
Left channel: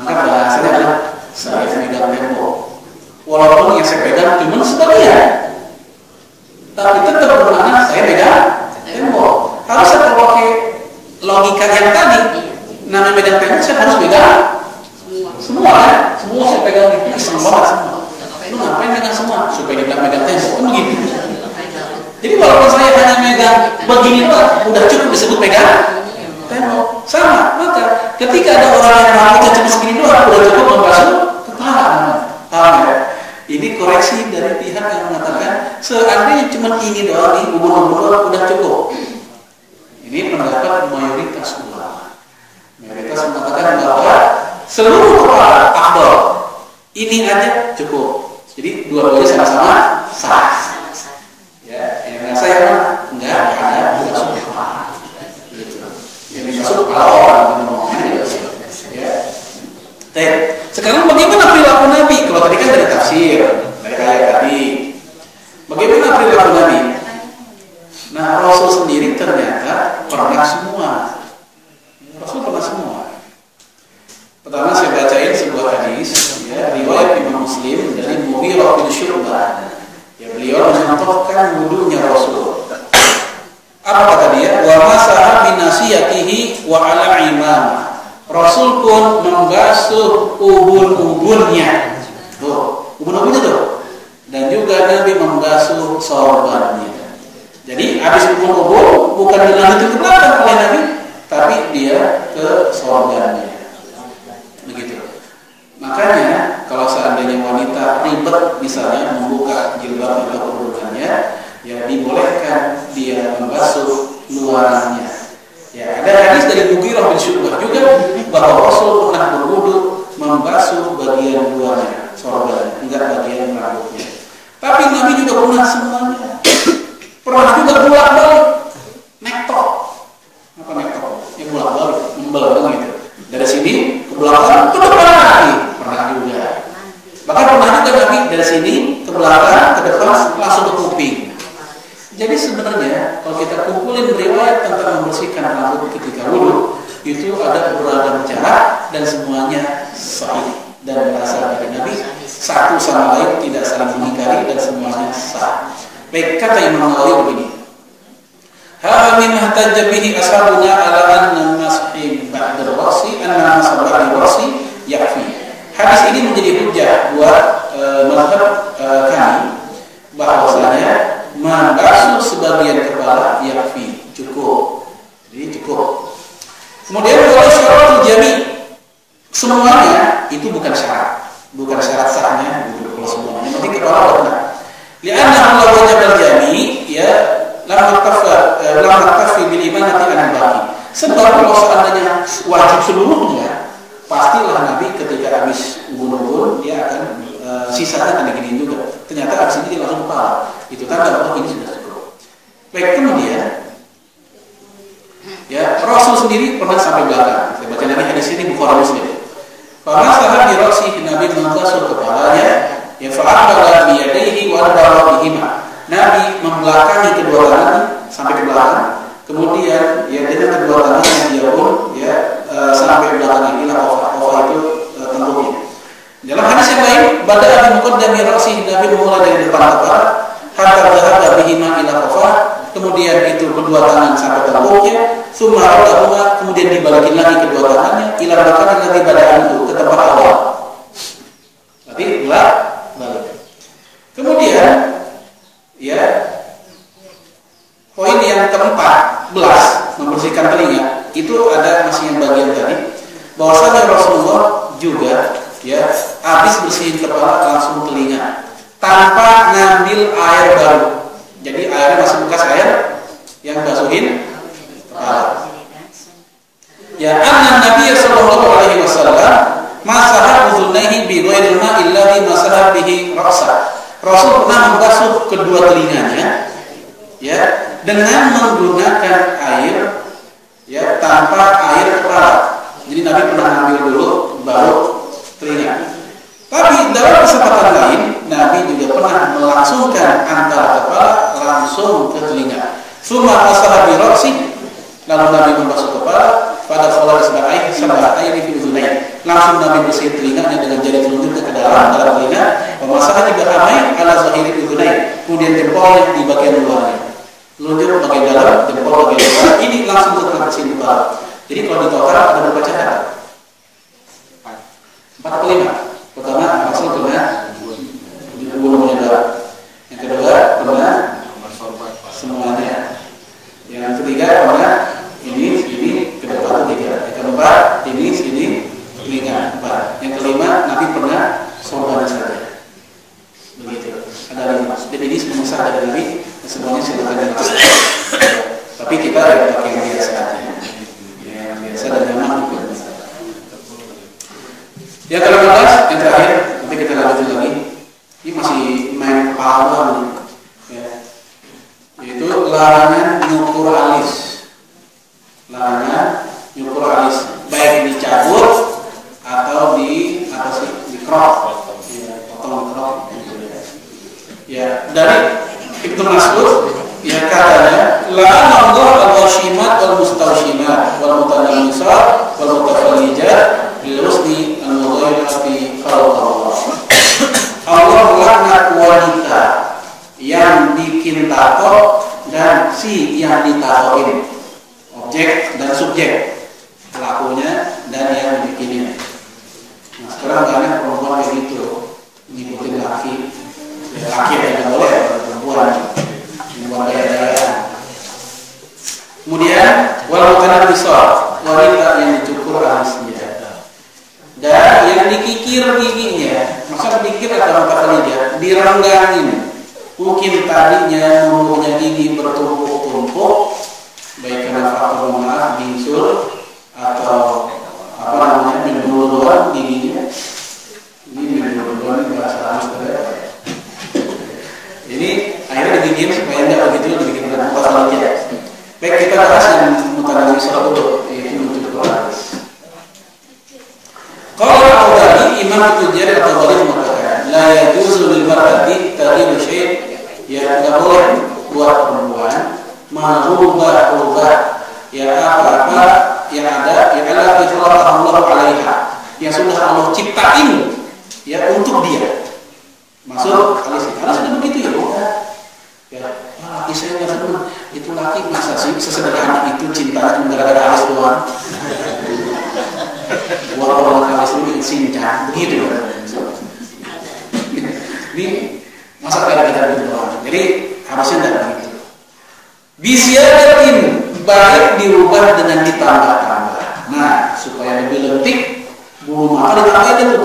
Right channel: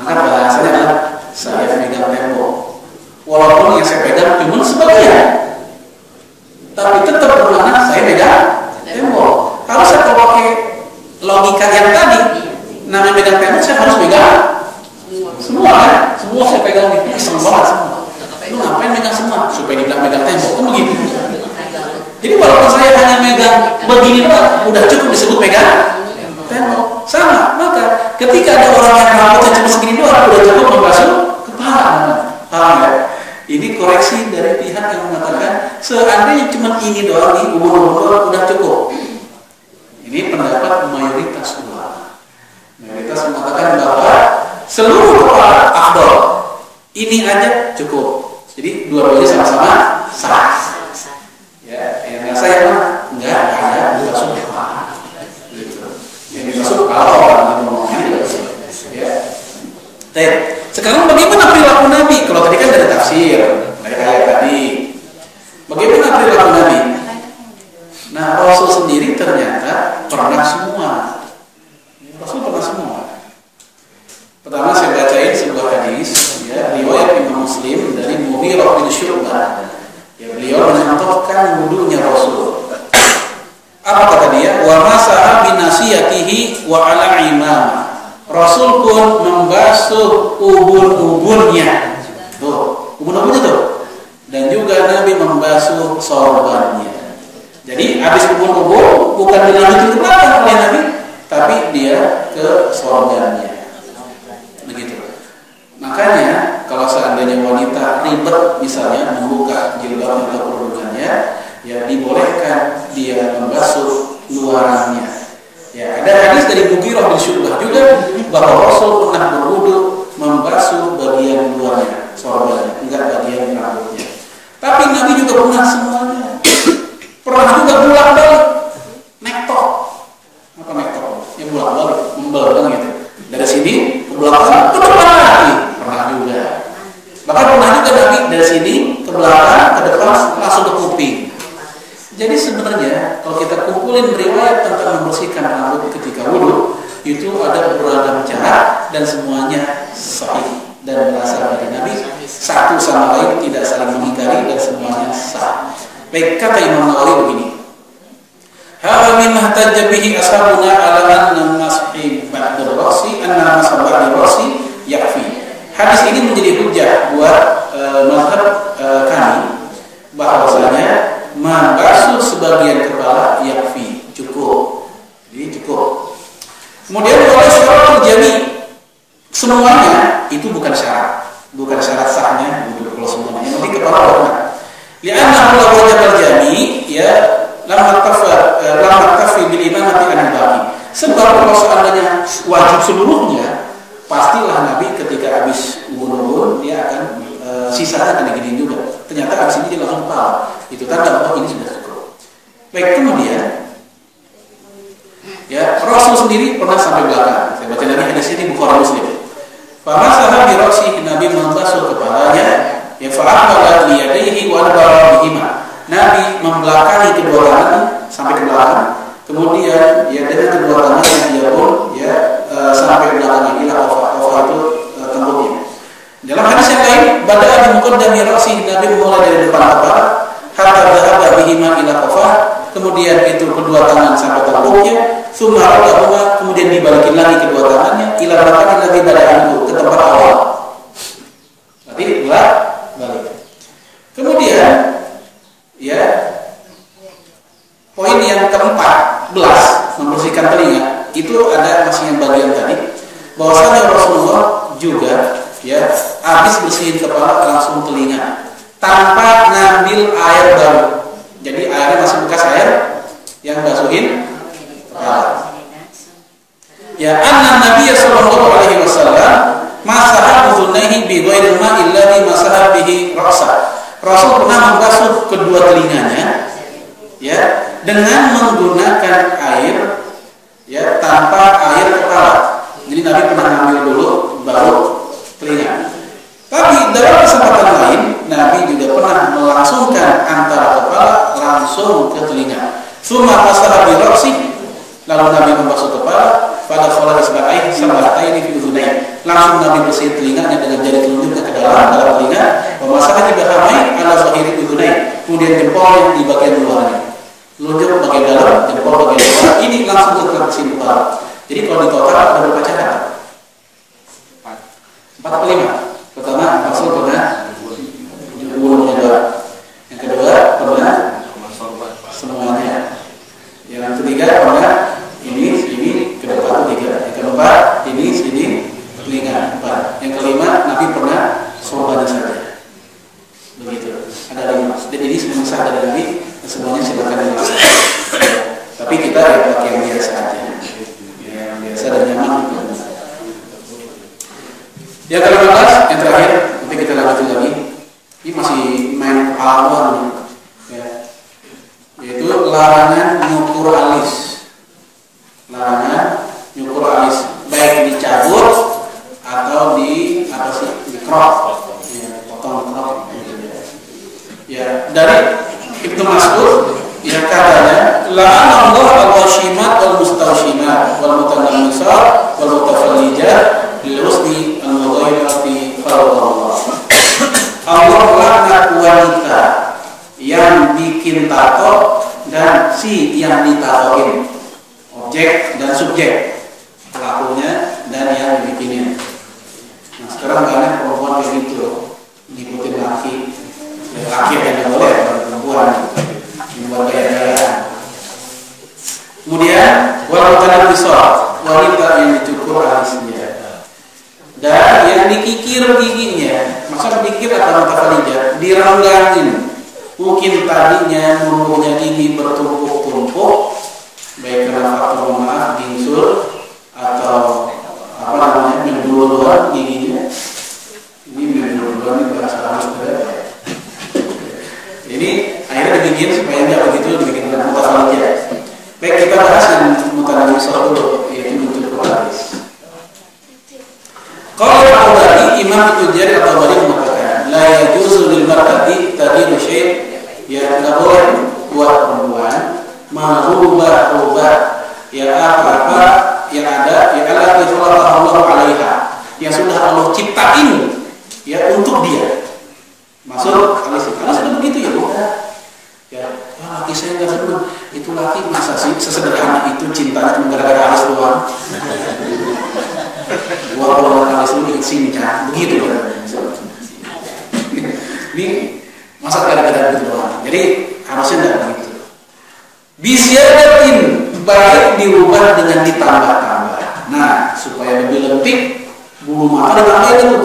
Maka bahasanya adalah saya megang tembok. Walaupun yang saya pegang cuma sebagian, tapi tetap bermakna saya pegang tembok. Harus saya pakai logika yang tadi. Namanya megang tembok saya harus pegang semua kan? Semua saya pegang itu iseng banget semua. Lu ngapain megang semua? Supaya dibilang megang tembok kan begitu. Jadi walaupun saya hanya megang begini doang, udah cukup disebut megang tembok. Sama, maka ketika ada orang yang rambutnya cuma segini doang, udah cukup membasuh kepala. Paham ya? Ini koreksi dari pihak yang mengatakan seandainya cuma ini doang nih, ubun-ubun doang udah cukup. Ini pendapat mayoritas ulama. Mayoritas mengatakan bahwa seluruh kepala afdal. Ini aja cukup. Jadi dua-duanya sama-sama sah. Ya, yang nggak saya mah enggak ada basuh kepala. Yang basuh kepala orang ya. Baik. Sekarang bagaimana perilaku Nabi? Kalau tadi kan dari tafsir, dari ayat tadi. Bagaimana perilaku Nabi? Nah, Rasul sendiri ternyata pernah semua. Rasul pernah semua. Pertama saya bacain sebuah hadis, ya, riwayat Imam Muslim dari Mughirah bin Syu'bah. Ya, beliau mencontohkan wudunya Rasul. Apa kata dia? Wa masaha bi nasiyatihi wa 'ala imamah. Rasul pun membasuh ubun-ubunnya. Tuh, ubun-ubunnya tuh. Dan juga Nabi membasuh sorbannya. Jadi habis ubun-ubun bukan dilanjutin ke belakang oleh Nabi, tapi dia ke sorbannya. Begitu. Makanya kalau seandainya wanita ribet misalnya membuka jilbab atau kerudungannya, ya dibolehkan dia membasuh luarannya. Ya, ada hadis dari Mughirah bin Syu'bah juga bahwa Rasul pernah berwudu membasuh bagian luarnya, sorbannya, enggak bagian rambutnya. Tapi Nabi juga pernah semuanya. Pernah juga bolak-balik nektok. Apa nektok? Ya bolak-balik, membel gitu. Dari sini ke belakang ke depan lagi. Pernah juga. Maka pernah juga Nabi dari sini ke belakang, ke depan langsung ke kuping. Jadi sebenarnya kalau kita kumpulin riwayat tentang membersihkan rambut ketika wudu, itu ada beragam cara dan semuanya sahih dan berasal dari Nabi, satu sama lain tidak saling mengingkari dan semuanya sah. Baik, kata Imam Nawawi begini. Hadza mimma ihtajja bihi ashabuna ala anna masih ba'da ra'si anna masabah ra'si yakfi. Hadis ini menjadi hujjah buat mazhab kami bahwasanya membasuh sebagian kepala yakfi, cukup. Jadi cukup. Kemudian oleh syaratul jami, semuanya itu bukan syarat sahnya untuk kalau semuanya. Yang penting kepala benar. Lianna Allah wajib al-jami, ya, lam tafi bil imamati an-baqi. Sebab kalau seandainya wajib seluruhnya, pastilah Nabi ketika habis ubun-ubun dia akan sisanya akan diginiin juga. Ternyata habis ini dia langsung paham. Itu tanda bahwa ini sudah cukup. Baik, kemudian ya, Rasul sendiri pernah sampai belakang. Saya baca lagi hadis ini Bukhari Muslim. Famasaha bi ra'sihi, Nabi membasuh kepalanya, ya fa'aqbala bi yadayhi wa adbara bihima. Nabi membelakangi kedua tangannya sampai ke belakang. Kemudian ya dengan kedua tangannya dia pun ya sampai belakangnya ila qafa. Qafa itu tembuknya. Dalam hadis yang lain, bada'a bi muqaddami ra'si, Nabi mulai dari depan kepala, hatta dhahaba bihima ila qafah, kemudian itu kedua tangan sampai tengkuknya, tsumma radahuma, kemudian dibalikin lagi kedua tangannya ila rakatin lagi badan itu ke tempat awal. Berarti balik. Kemudian ya poin yang ke-14 membersihkan telinga, itu ada masih yang bagian tadi, bahwasanya Rasulullah juga ya habis bersihin kepala langsung telinga tanpa ngambil air baru. Jadi airnya masih bekas air yang basuhin kepala. Ya, anna Nabi sallallahu alaihi wasallam masaha udhunaihi bi ghairil ma'il ladzi masaha bihi ra'sa. Rasul pernah membasuh kedua telinganya ya dengan menggunakan air ya tanpa air kepala. Jadi Nabi pernah ngambil dulu baru telinga. Tapi dalam kesempatan lain Nabi juga pernah melangsungkan antara kepala langsung ke telinga. Tsumma masaha bi ra'si, lalu Nabi membasuh kepala pada fala isba'ai sab'ataini fi udhunain. Langsung Nabi bersih telinganya dengan jari telunjuknya ke dalam telinga, pemasahan juga hamai ala zahiri udhunain. Kemudian jempolnya di bagian luarnya. Telunjuk bagian dalam, jempol bagian luar. Ini langsung ke sini kepala. Jadi kalau di total ada berapa cara? 4 atau 5. Pertama, Rasul pernah bulunya doang. Yang kedua, pernah semuanya. Yang ketiga, pernah ini ke depan 3. Yang keempat, sini telinga 4. Yang kelima, Nabi pernah sorban saja. Begitu. Ada 5. Dan ini semuanya sah dari Nabi. Semuanya silakan dilakukan. Tapi kita ya pakai yang biasa aja. Yang biasa dan nyaman juga. Yang ke-15, yang terakhir, nanti kita lanjutin lagi. Ini masih main kepala nih, ya. Yaitu larangan nyukur alis. Larangan nyukur alis, baik dicabut atau di crop, ya, dipotong di crop. Ya, dari Ibnu Mas'ud, ya katanya, la'anallahu al-washimat wal mustawshimat wal mutanammisat wal mutafallijat Lilhusni al-mudhayyati khalqallah. Allah melaknat wanita yang bikin tato dan si yang ditatoin, objek dan subjek, pelakunya dan yang dibikinin. Nah, sekarang banyak perempuan kayak gitu, ngikutin laki. Ya, laki yang tidak boleh, kalau perempuan membuat gaya-gayaan. Kemudian wal mutanabisat, wanita yang dicukur alisnya dan yang dikikir giginya. Masa dikikir atau mutafallijat, direnggangin. Mungkin tadinya menurunnya gigi bertumpuk-tumpuk, baik karena faktor maaf bisul atau apa namanya berdua-dua giginya. Ini berdua-dua ini bahasa halus. Ini akhirnya dibikin supaya nggak begitu dibikin mutafallijat. Baik, kita bahas yang mutanabisat dulu, yaitu mencukur alis. Kalau Al-Tabari, Imam Tujari Al-Tabari mengatakan, la yajuzu lil mar'ati taghiru syai', ya tidak boleh buat perempuan merubah ya apa-apa yang ada, ya Allah Allahu alaiha, yang sudah Allah ciptain ya untuk dia. Maksud alis sudah begitu ya. Ya, laki saya nggak senang. Itu laki masa sih sesederhana itu cintanya gara-gara alis doang. Gua kalau alis lu di sini kan, begitu kan? Ini masa gara-gara itu doang. Jadi harusnya nggak begitu. Bisyadatin, baik dirubah dengan ditambah-tambah. Nah, supaya lebih lentik, bulu mata ditambahin itu.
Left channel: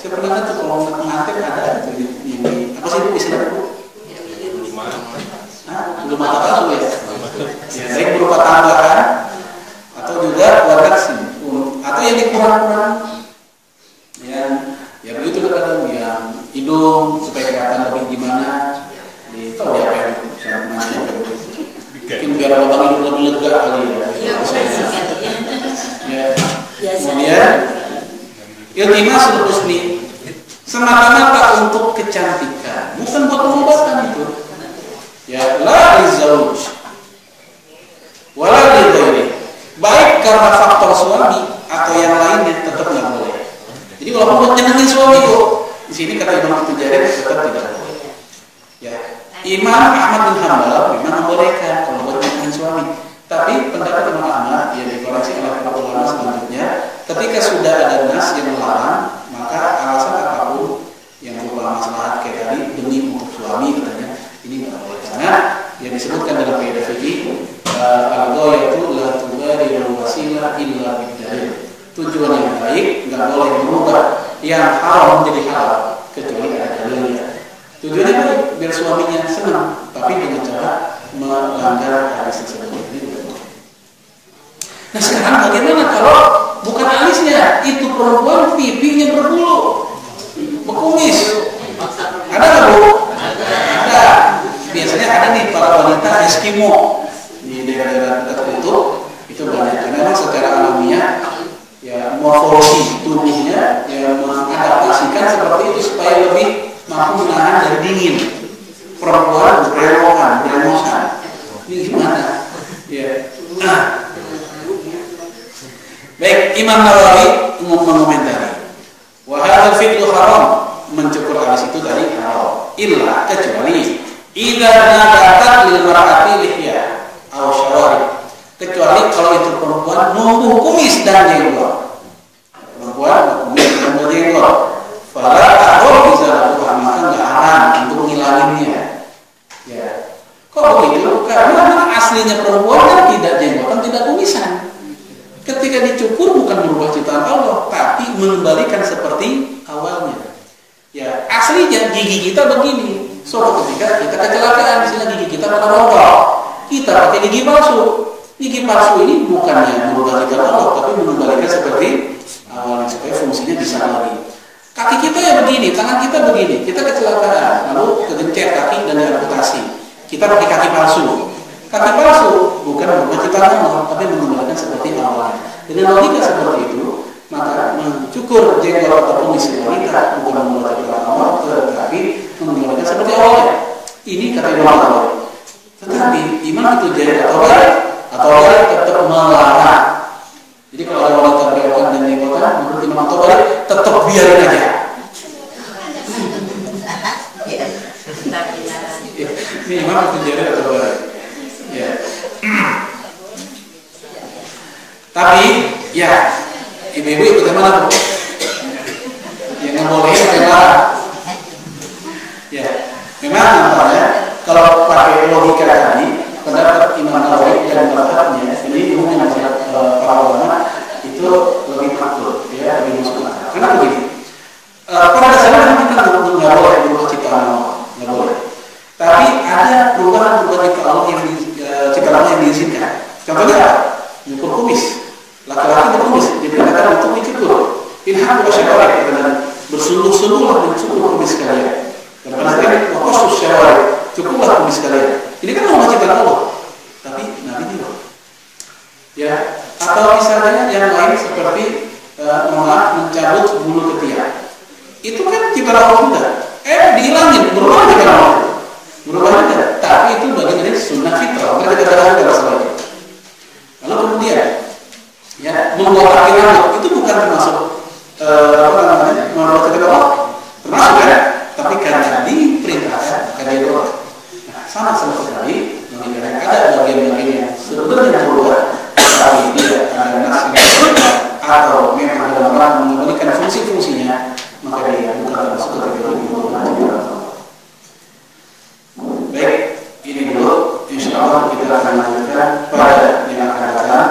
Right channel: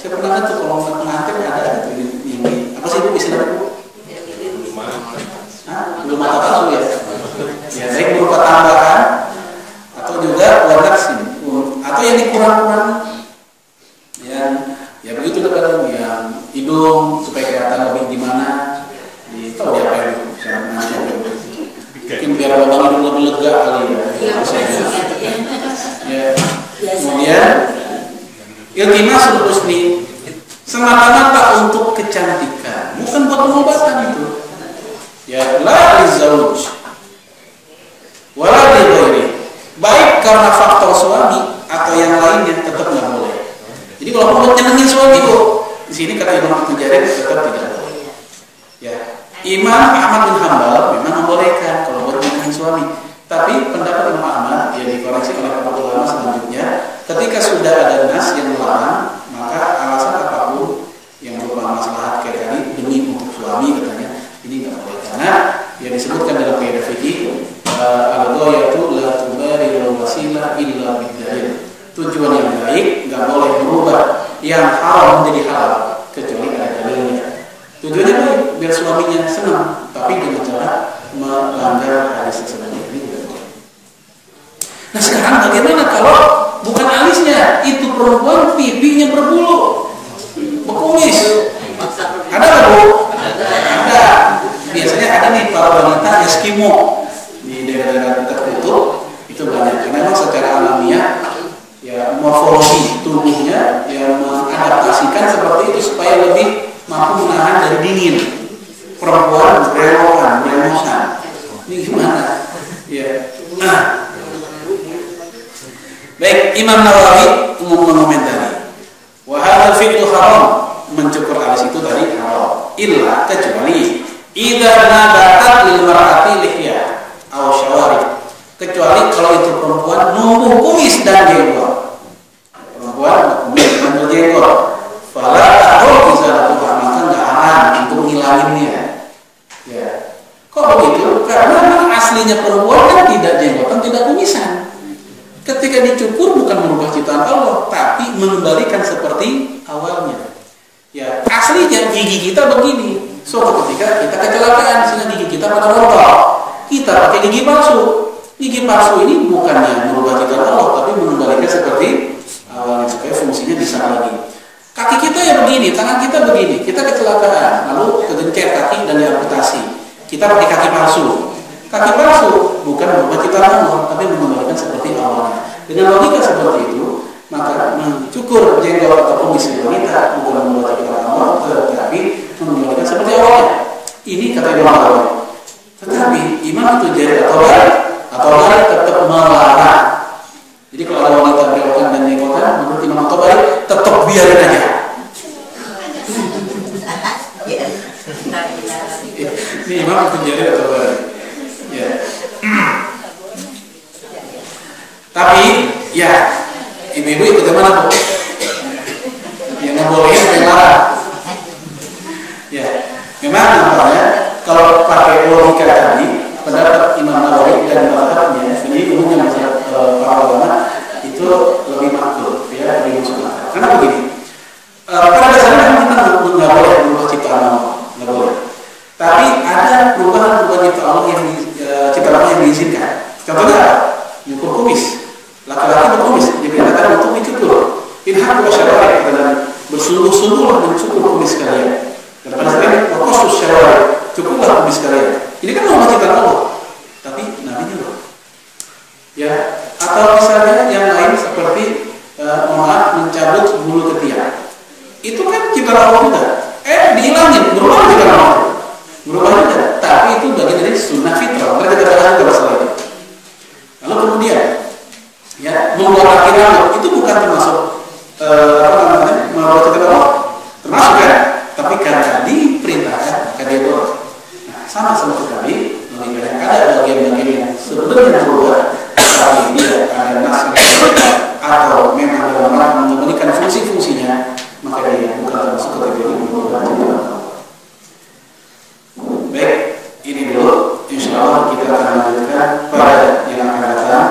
Saya pernah kan tuh kalau pengantin ada itu ini apa sih Bu istilahnya Bu? Bulu mata palsu ya. Ya baik berupa tambahan atau juga warna sini atau yang dikurang-kurang. Yang ya begitu kadang yang hidung supaya kelihatan lebih gimana. Tahu dia apa yang bisa macam mungkin biar lubang hidung lebih lega kali ya. Ya. Kemudian iltimasul husni semata-mata untuk kecantikan, bukan buat pengobatan itu. Ya la lizauj wala lighairi, baik karena faktor suami atau yang lainnya tetap nggak boleh. Jadi kalau mau nyenengin suami kok, sini kata Imam At-Tujari tetap tidak boleh. Ya, Imam Ahmad bin Hanbal memang membolehkan kalau buat menahan suami. Tapi pendapat Imam Ahmad yang dikoreksi oleh para ulama selanjutnya, ketika sudah ada nas yang melarang, maka alasan apapun yang berupa maslahat kayak tadi demi untuk suami katanya ini nggak boleh, karena yang disebutkan dalam kaidah fikih al-ghayatu la tubarirul wasilah illa bidalil. Tujuan yang baik nggak boleh berubah yang haram menjadi halal kecuali ada dalilnya. Tujuannya baik biar suaminya senang, tapi dengan cara melanggar hadis tersebut. Nah sekarang bagaimana kalau bukan alisnya, itu perempuan pipinya berbulu, berkumis? Ada nggak Bu? Ada. Biasanya ada nih para wanita Eskimo di daerah-daerah dekat kutub itu banyak. Karena memang secara alamiah ya morfologi tubuhnya yang mengadaptasikan seperti itu supaya lebih mampu menahan dari dingin. Perempuan berewokan. Ini gimana? Ya. Baik, Imam Nawawi mengomentari, wa hadzal fi'lu haram, mencukur alis itu tadi haram, illa kecuali idza nabatat lil mar'ati lihya aw syawari, kecuali kalau itu perempuan numbuh kumis dan jenggot. Perempuan kumis dan berjenggot, fala tahul izalatu, maka enggak haram untuk mengilanginya. Ya. Kok begitu? Karena aslinya perempuan kan tidak jenggotan, tidak kumisan. Ketika dicukur bukan merubah ciptaan Allah, tapi mengembalikan seperti awalnya. Ya, aslinya gigi kita begini. So ketika kita kecelakaan, sehingga gigi kita pada rontok, kita pakai gigi palsu. Gigi palsu ini bukannya merubah ciptaan Allah, tapi mengembalikan seperti awalnya supaya fungsinya bisa lagi. Kaki kita ya begini, tangan kita begini. Kita kecelakaan, lalu kegencet kaki dan diamputasi. Kita pakai kaki palsu. Kaki palsu bukan merubah ciptaan Allah, tapi mengembalikan seperti awalnya. Dengan logika seperti itu, maka mencukur jenggot atau kumis wanita bukan merubah ciptaan Allah, tetapi mengembalikan seperti awalnya. Ini kata Imam Nawawi. Tetapi Imam At-Tujari atau lain tetap melarang. Jadi kalau ada wanita berewokan dan jenggotan, menurut Imam At-Tujari tetap biarin aja. Ini Imam At-Tujari atau lain. Ya. Tapi ya ibu-ibu ikut yang mana Bu? Yang membolehin memang. Ya, memang nampaknya kalau pakai logika tadi pendapat Imam Nawawi dan mazhabnya ini umumnya para ulama itu lebih makruh, ya, lebih masuk akal. Karena begini, pada dasarnya kita nggak boleh berubah ciptaan Allah, nggak boleh. Tapi ada perubahan ciptaan Allah yang diizinkan. Contohnya apa? Nyukur kumis. Laki-laki berkumis diperintahkan untuk dicukur. Inhaq wa syawari, dan bersungguh-sungguhlah mencukur kumis kalian. Dan pada saat ini khusus syawari, cukurlah kumis kalian. Ini kan norma ciptaan Allah, tapi Nabi juga. Ya, atau misalnya yang lain seperti mencabut bulu ketiak. Itu kan ciptaan Allah juga. Dihilangin, berubah ciptaan Allah. Berubah juga, tapi itu bagian dari sunnah fitrah. Mereka katakan juga masalah itu. Lalu kemudian ya, membuat kaki rambut itu bukan termasuk membuat kaki Allah, termasuk kan? Tapi karena diperintahkan maka dia doa. Nah, sama sekali mengingat ada bagian-bagian yang sebenarnya berubah, tapi tidak ada nas atau memang benar-benar mengembalikan fungsi-fungsinya, maka dia bukan termasuk kategori berubah. Baik, ini dulu. Insya Allah kita akan lanjutkan pada yang akan datang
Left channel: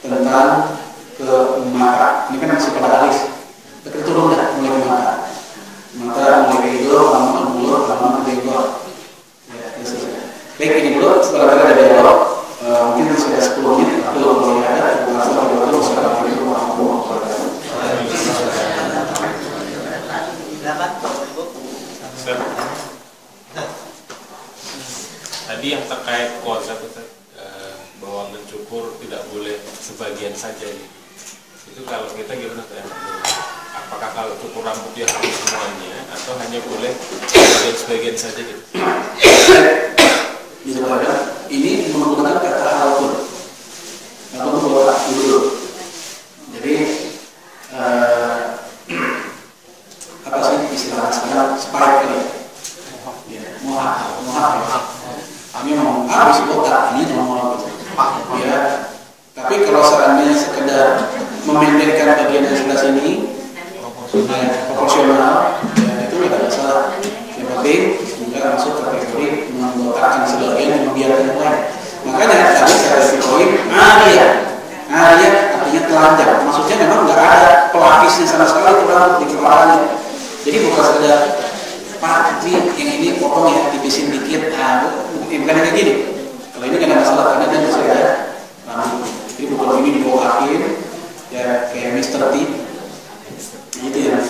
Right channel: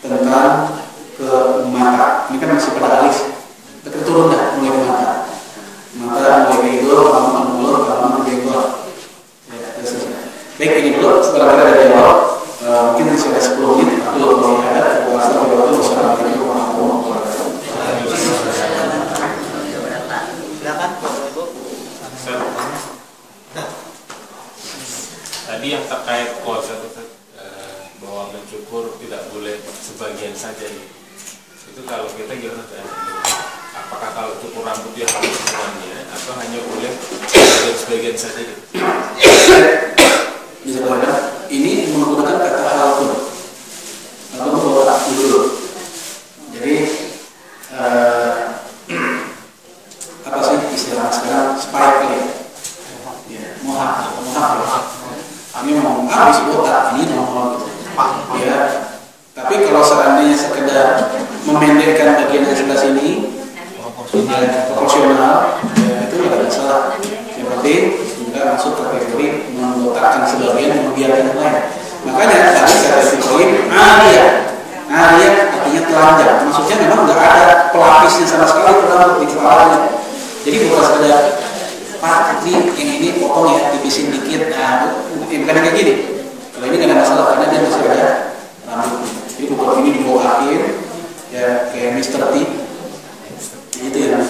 tentang ke mata. Ini kan masih pada alis. Kita turun dah mulai ke mata. Mata mulai ke hidung, lama mulut, lama jenggot. Ya, baik, ini dulu. Setelah kita ada dialog, mungkin masih ada 10 menit untuk melihat bahasa Assalamualaikum warahmatullahi wabarakatuh. Tadi yang terkait puasa bahwa mencukur tidak boleh sebagian saja itu kalau kita gimana ya? Apakah kalau cukur rambut dia harus semuanya atau hanya boleh sebagian saja gitu? Ini menggunakan kata halqun atau membawa dulu. Jadi apa sih istilah mohak ya. Ini mau habis botak, ini nomor gitu. Ya. Tapi kalau seandainya sekedar memendekkan bagian yang sebelah sini, ya, proporsional, ya itu nggak ada masalah. Yang penting juga masuk kategori membotakkan sebagian, membiarkan yang lain. Makanya tadi saya poin Aria artinya telanjang. Maksudnya memang nggak ada pelapisnya sama sekali rambut di kepalanya. Jadi bukan sekedar Pak, ini yang ini potong ya, tipisin dikit. Nah, bukan kayak gini. Kalau ini nggak ada masalah karena dia masih ada rambut. Jadi bukan ini dibawain ya kayak Mr. T. Itu ya Mas.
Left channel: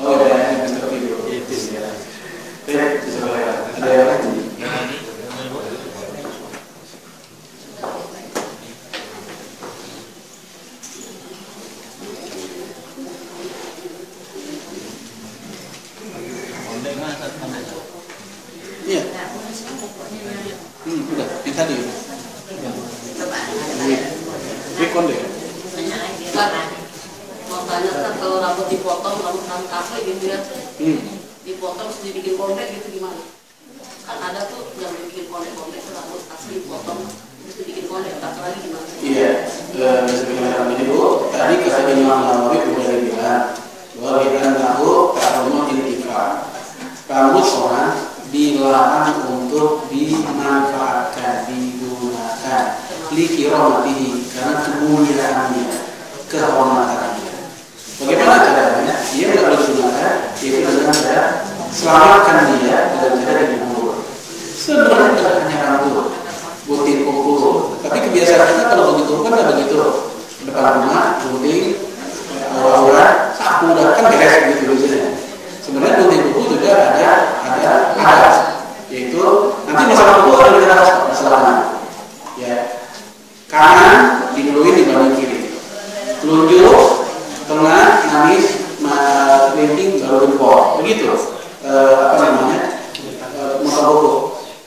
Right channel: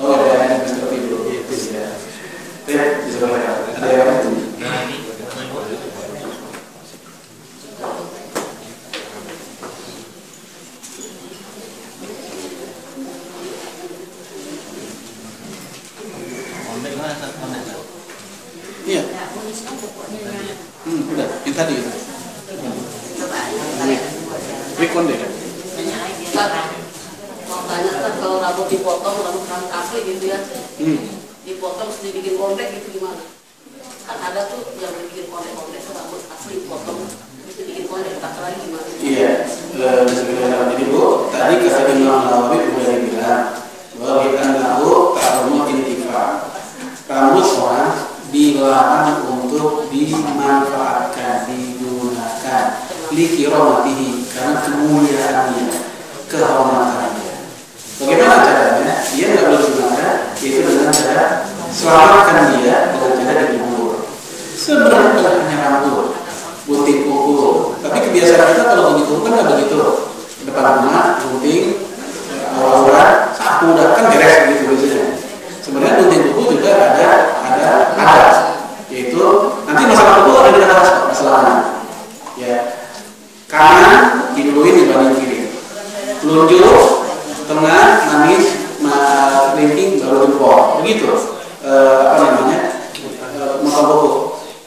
Tahu ya kayak Mr. T dulu. Itu ya. Ada yang itu. Iya. Udah, yang tadi itu. Wik konde kan? Makanya kan kalau rambut dipotong, rambut kakek dilihat dipotong terus dibikin kondek gitu gimana? Kan ada tuh yang bikin kondek-kondek rambut pasti dipotong itu bikin kondek tak lagi gimana? Iya, jadi Bu, tadi kata Imam Nawawi sudah dibilang bahwa kita tahu ta'allumu intifam. Rambut orang dilarang untuk dimanfaatkan, digunakan likiromatihi karena kemuliaannya, kehormatannya. Bagaimana caranya? Dia nggak boleh digunakan, yaitu dengan cara selamatkan dia dengan cara dikubur. Sebenarnya bukan hanya rambut, gunting kuku. Tapi kebiasaan kita kalau begitu kan nggak begitu. Depan rumah gunting, orang sapu kan beres gitu biasanya. Sebenarnya gunting kuku juga ada, yaitu nanti masalah kuku ada di atas masalahnya. Ya, kanan diduluin dibanding kiri, telunjuk, tengah, nangis, kelingking, baru jempol, begitu. Mata kuku.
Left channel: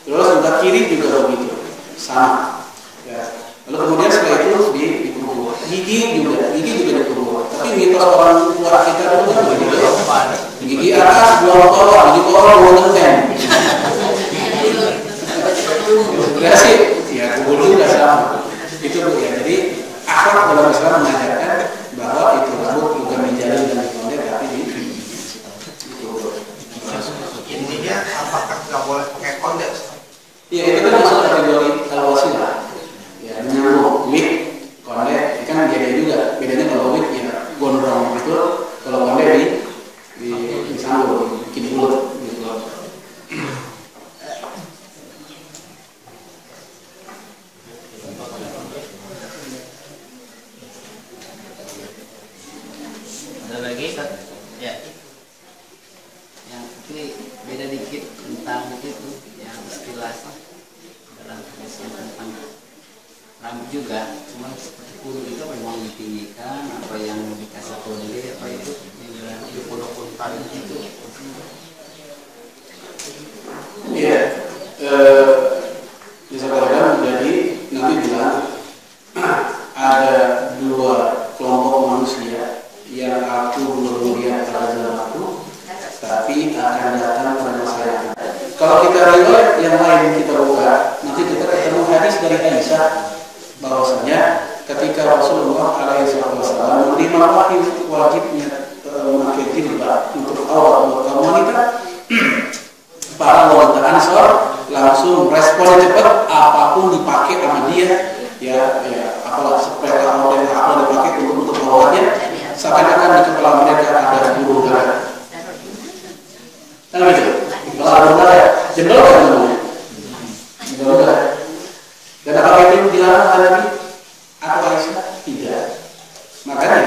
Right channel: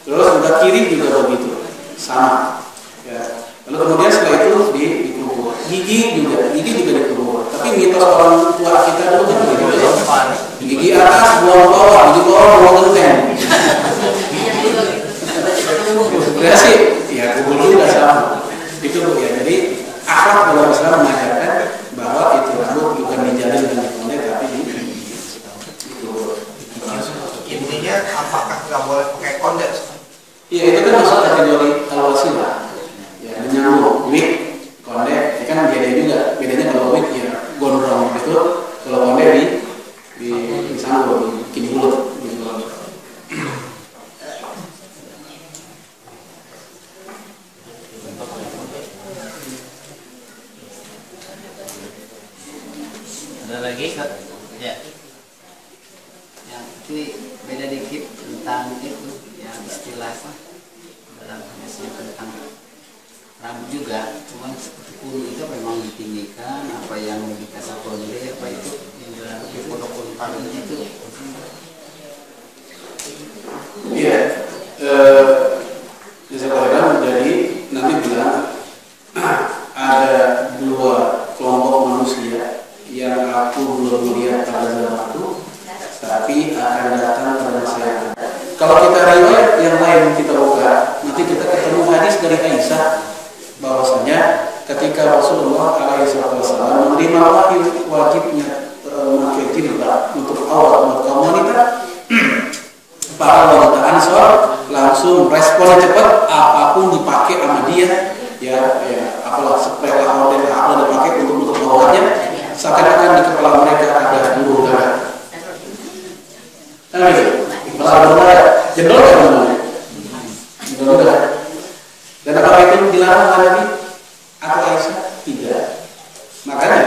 Terus udah kiri juga begitu, sama. Ya. Lalu kemudian setelah itu dikubur. Gigi juga dikubur. Tapi mitos orang tua kita dulu kan begitu. Gigi atas, buang bawah, gigi bawah, buang genteng. Sudah sih, ya kubur juga sama. Itu Bu ya. Jadi akhlak dalam Islam mengajarkan bahwa itu rambut bukan dijalin dan dikondek tapi dikubur. Intinya apakah nggak boleh pakai kondek? Ya itu kan masuk kategori al-wasilah. Ya menyambung wig, kondek, kan beda juga. Bedanya kalau wig ya gondrong gitu, kalau kondek disambung, bikin bulut gitu. Ada lagi Kak? Ya. Yang ini beda dikit tentang itu yang istilah dalam hadisnya tentang rambut juga, cuman seperti kudu itu memang ditinggikan, apa yang dikasih konde apa itu yang jalan di pondok itu. Iya. Misalkan jadi nanti bilang ada dua kelompok manusia yang aku belum melihat pada zaman aku, tapi akan datang pada masa yang akan. Kalau kita riwayat yang lain kita buka, nanti kita ketemu hadis dari Aisyah bahwasanya ketika Rasulullah SAW menerima wajibnya memakai jilbab untuk awal untuk kaum wanita, para wanita Ansor langsung responnya cepat, apapun dipakai sama dia, ya apalah spray model apa dipakai untuk menutup auratnya, seakan-akan di kepala mereka ada burung dara. Kan gitu, kepala burung dara, jendol kan namanya, jendol dara. Dan apakah itu dilarang oleh Nabi atau Aisyah? Tidak. Makanya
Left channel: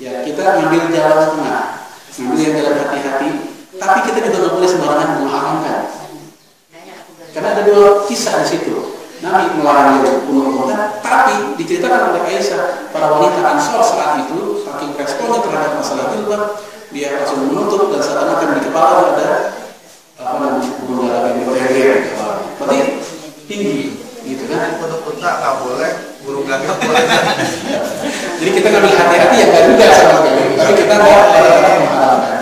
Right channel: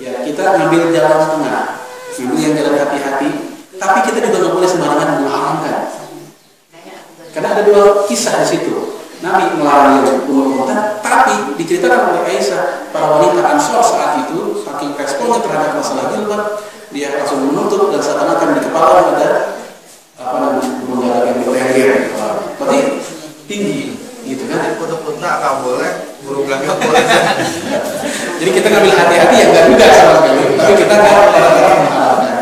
ya kita ngambil jalan tengah, ngambil yang jalan hati-hati. Tapi kita juga nggak boleh sembarangan mengharamkan. Karena ada dua kisah di situ. Nabi melarang yang bunuh unta, tapi diceritakan oleh Aisyah, para wanita Ansor saat itu saking responnya terhadap masalah jilbab, dia langsung menutup dan seakan-akan di kepala ada burung dara yang bertengger. Berarti tinggi, gitu kan? Bunuh unta nggak boleh, burung gagak boleh. Jadi kita ngambil hati-hati yang nggak juga sama sekali, tapi kita nggak pada mengharamkan.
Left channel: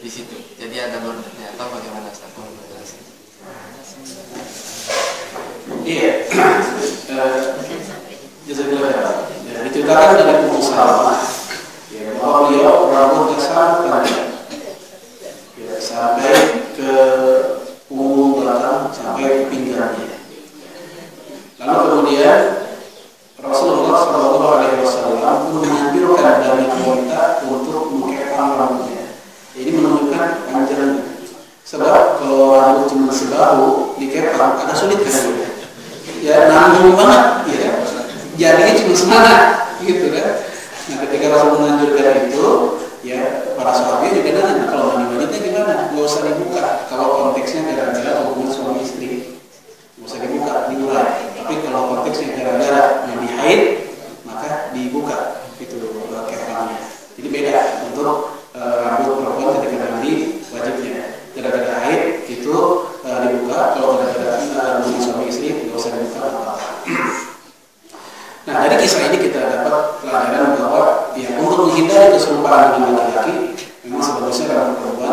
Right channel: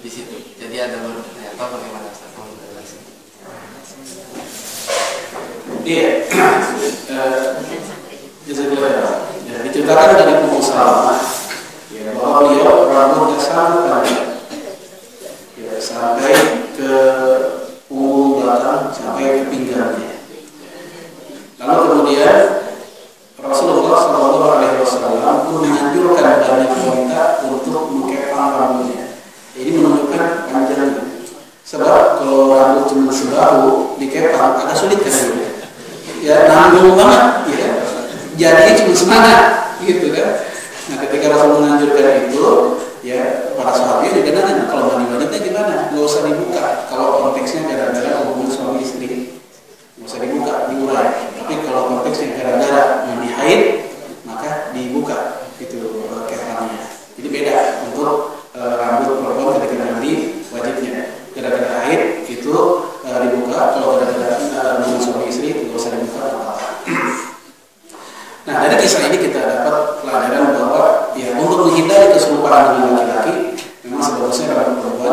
di situ. Jadi ada bordernya atau bagaimana Ustaz? Iya. Ya, diceritakan dari Ummu Salamah ya, bahwa beliau rambutnya sangat panjang ya, sampai ke punggung belakang, sampai ke pinggangnya. Lalu kemudian Rasulullah SAW pun menganjurkan banyak wanita untuk mengepang rambutnya. Ini menunjukkan panjangnya. Sebab kalau rambut cuma sebahu dikepang agak sulit kan? Ya nanggung banget, ya. Jadinya cuma semangat, gitu kan? Nah, ketika Rasul menganjurkan itu, ya para sahabat juga nanya, kalau mandi wanita gimana? Nggak usah dibuka. Kalau konteksnya gara-gara hubungan suami istri, nggak usah dibuka, diurai. Tapi kalau konteksnya gara-gara mandi haid, maka dibuka itu kepangnya. Jadi beda untuk rambut perempuan ketika mandi wajibnya. Gara-gara haid itu dibuka, kalau gara-gara hubungan suami istri nggak usah dibuka. Nah, dari kisah ini kita dapat pelajaran bahwa ya untuk menghindari keserupaan dengan laki-laki, memang sebagusnya rambut perempuan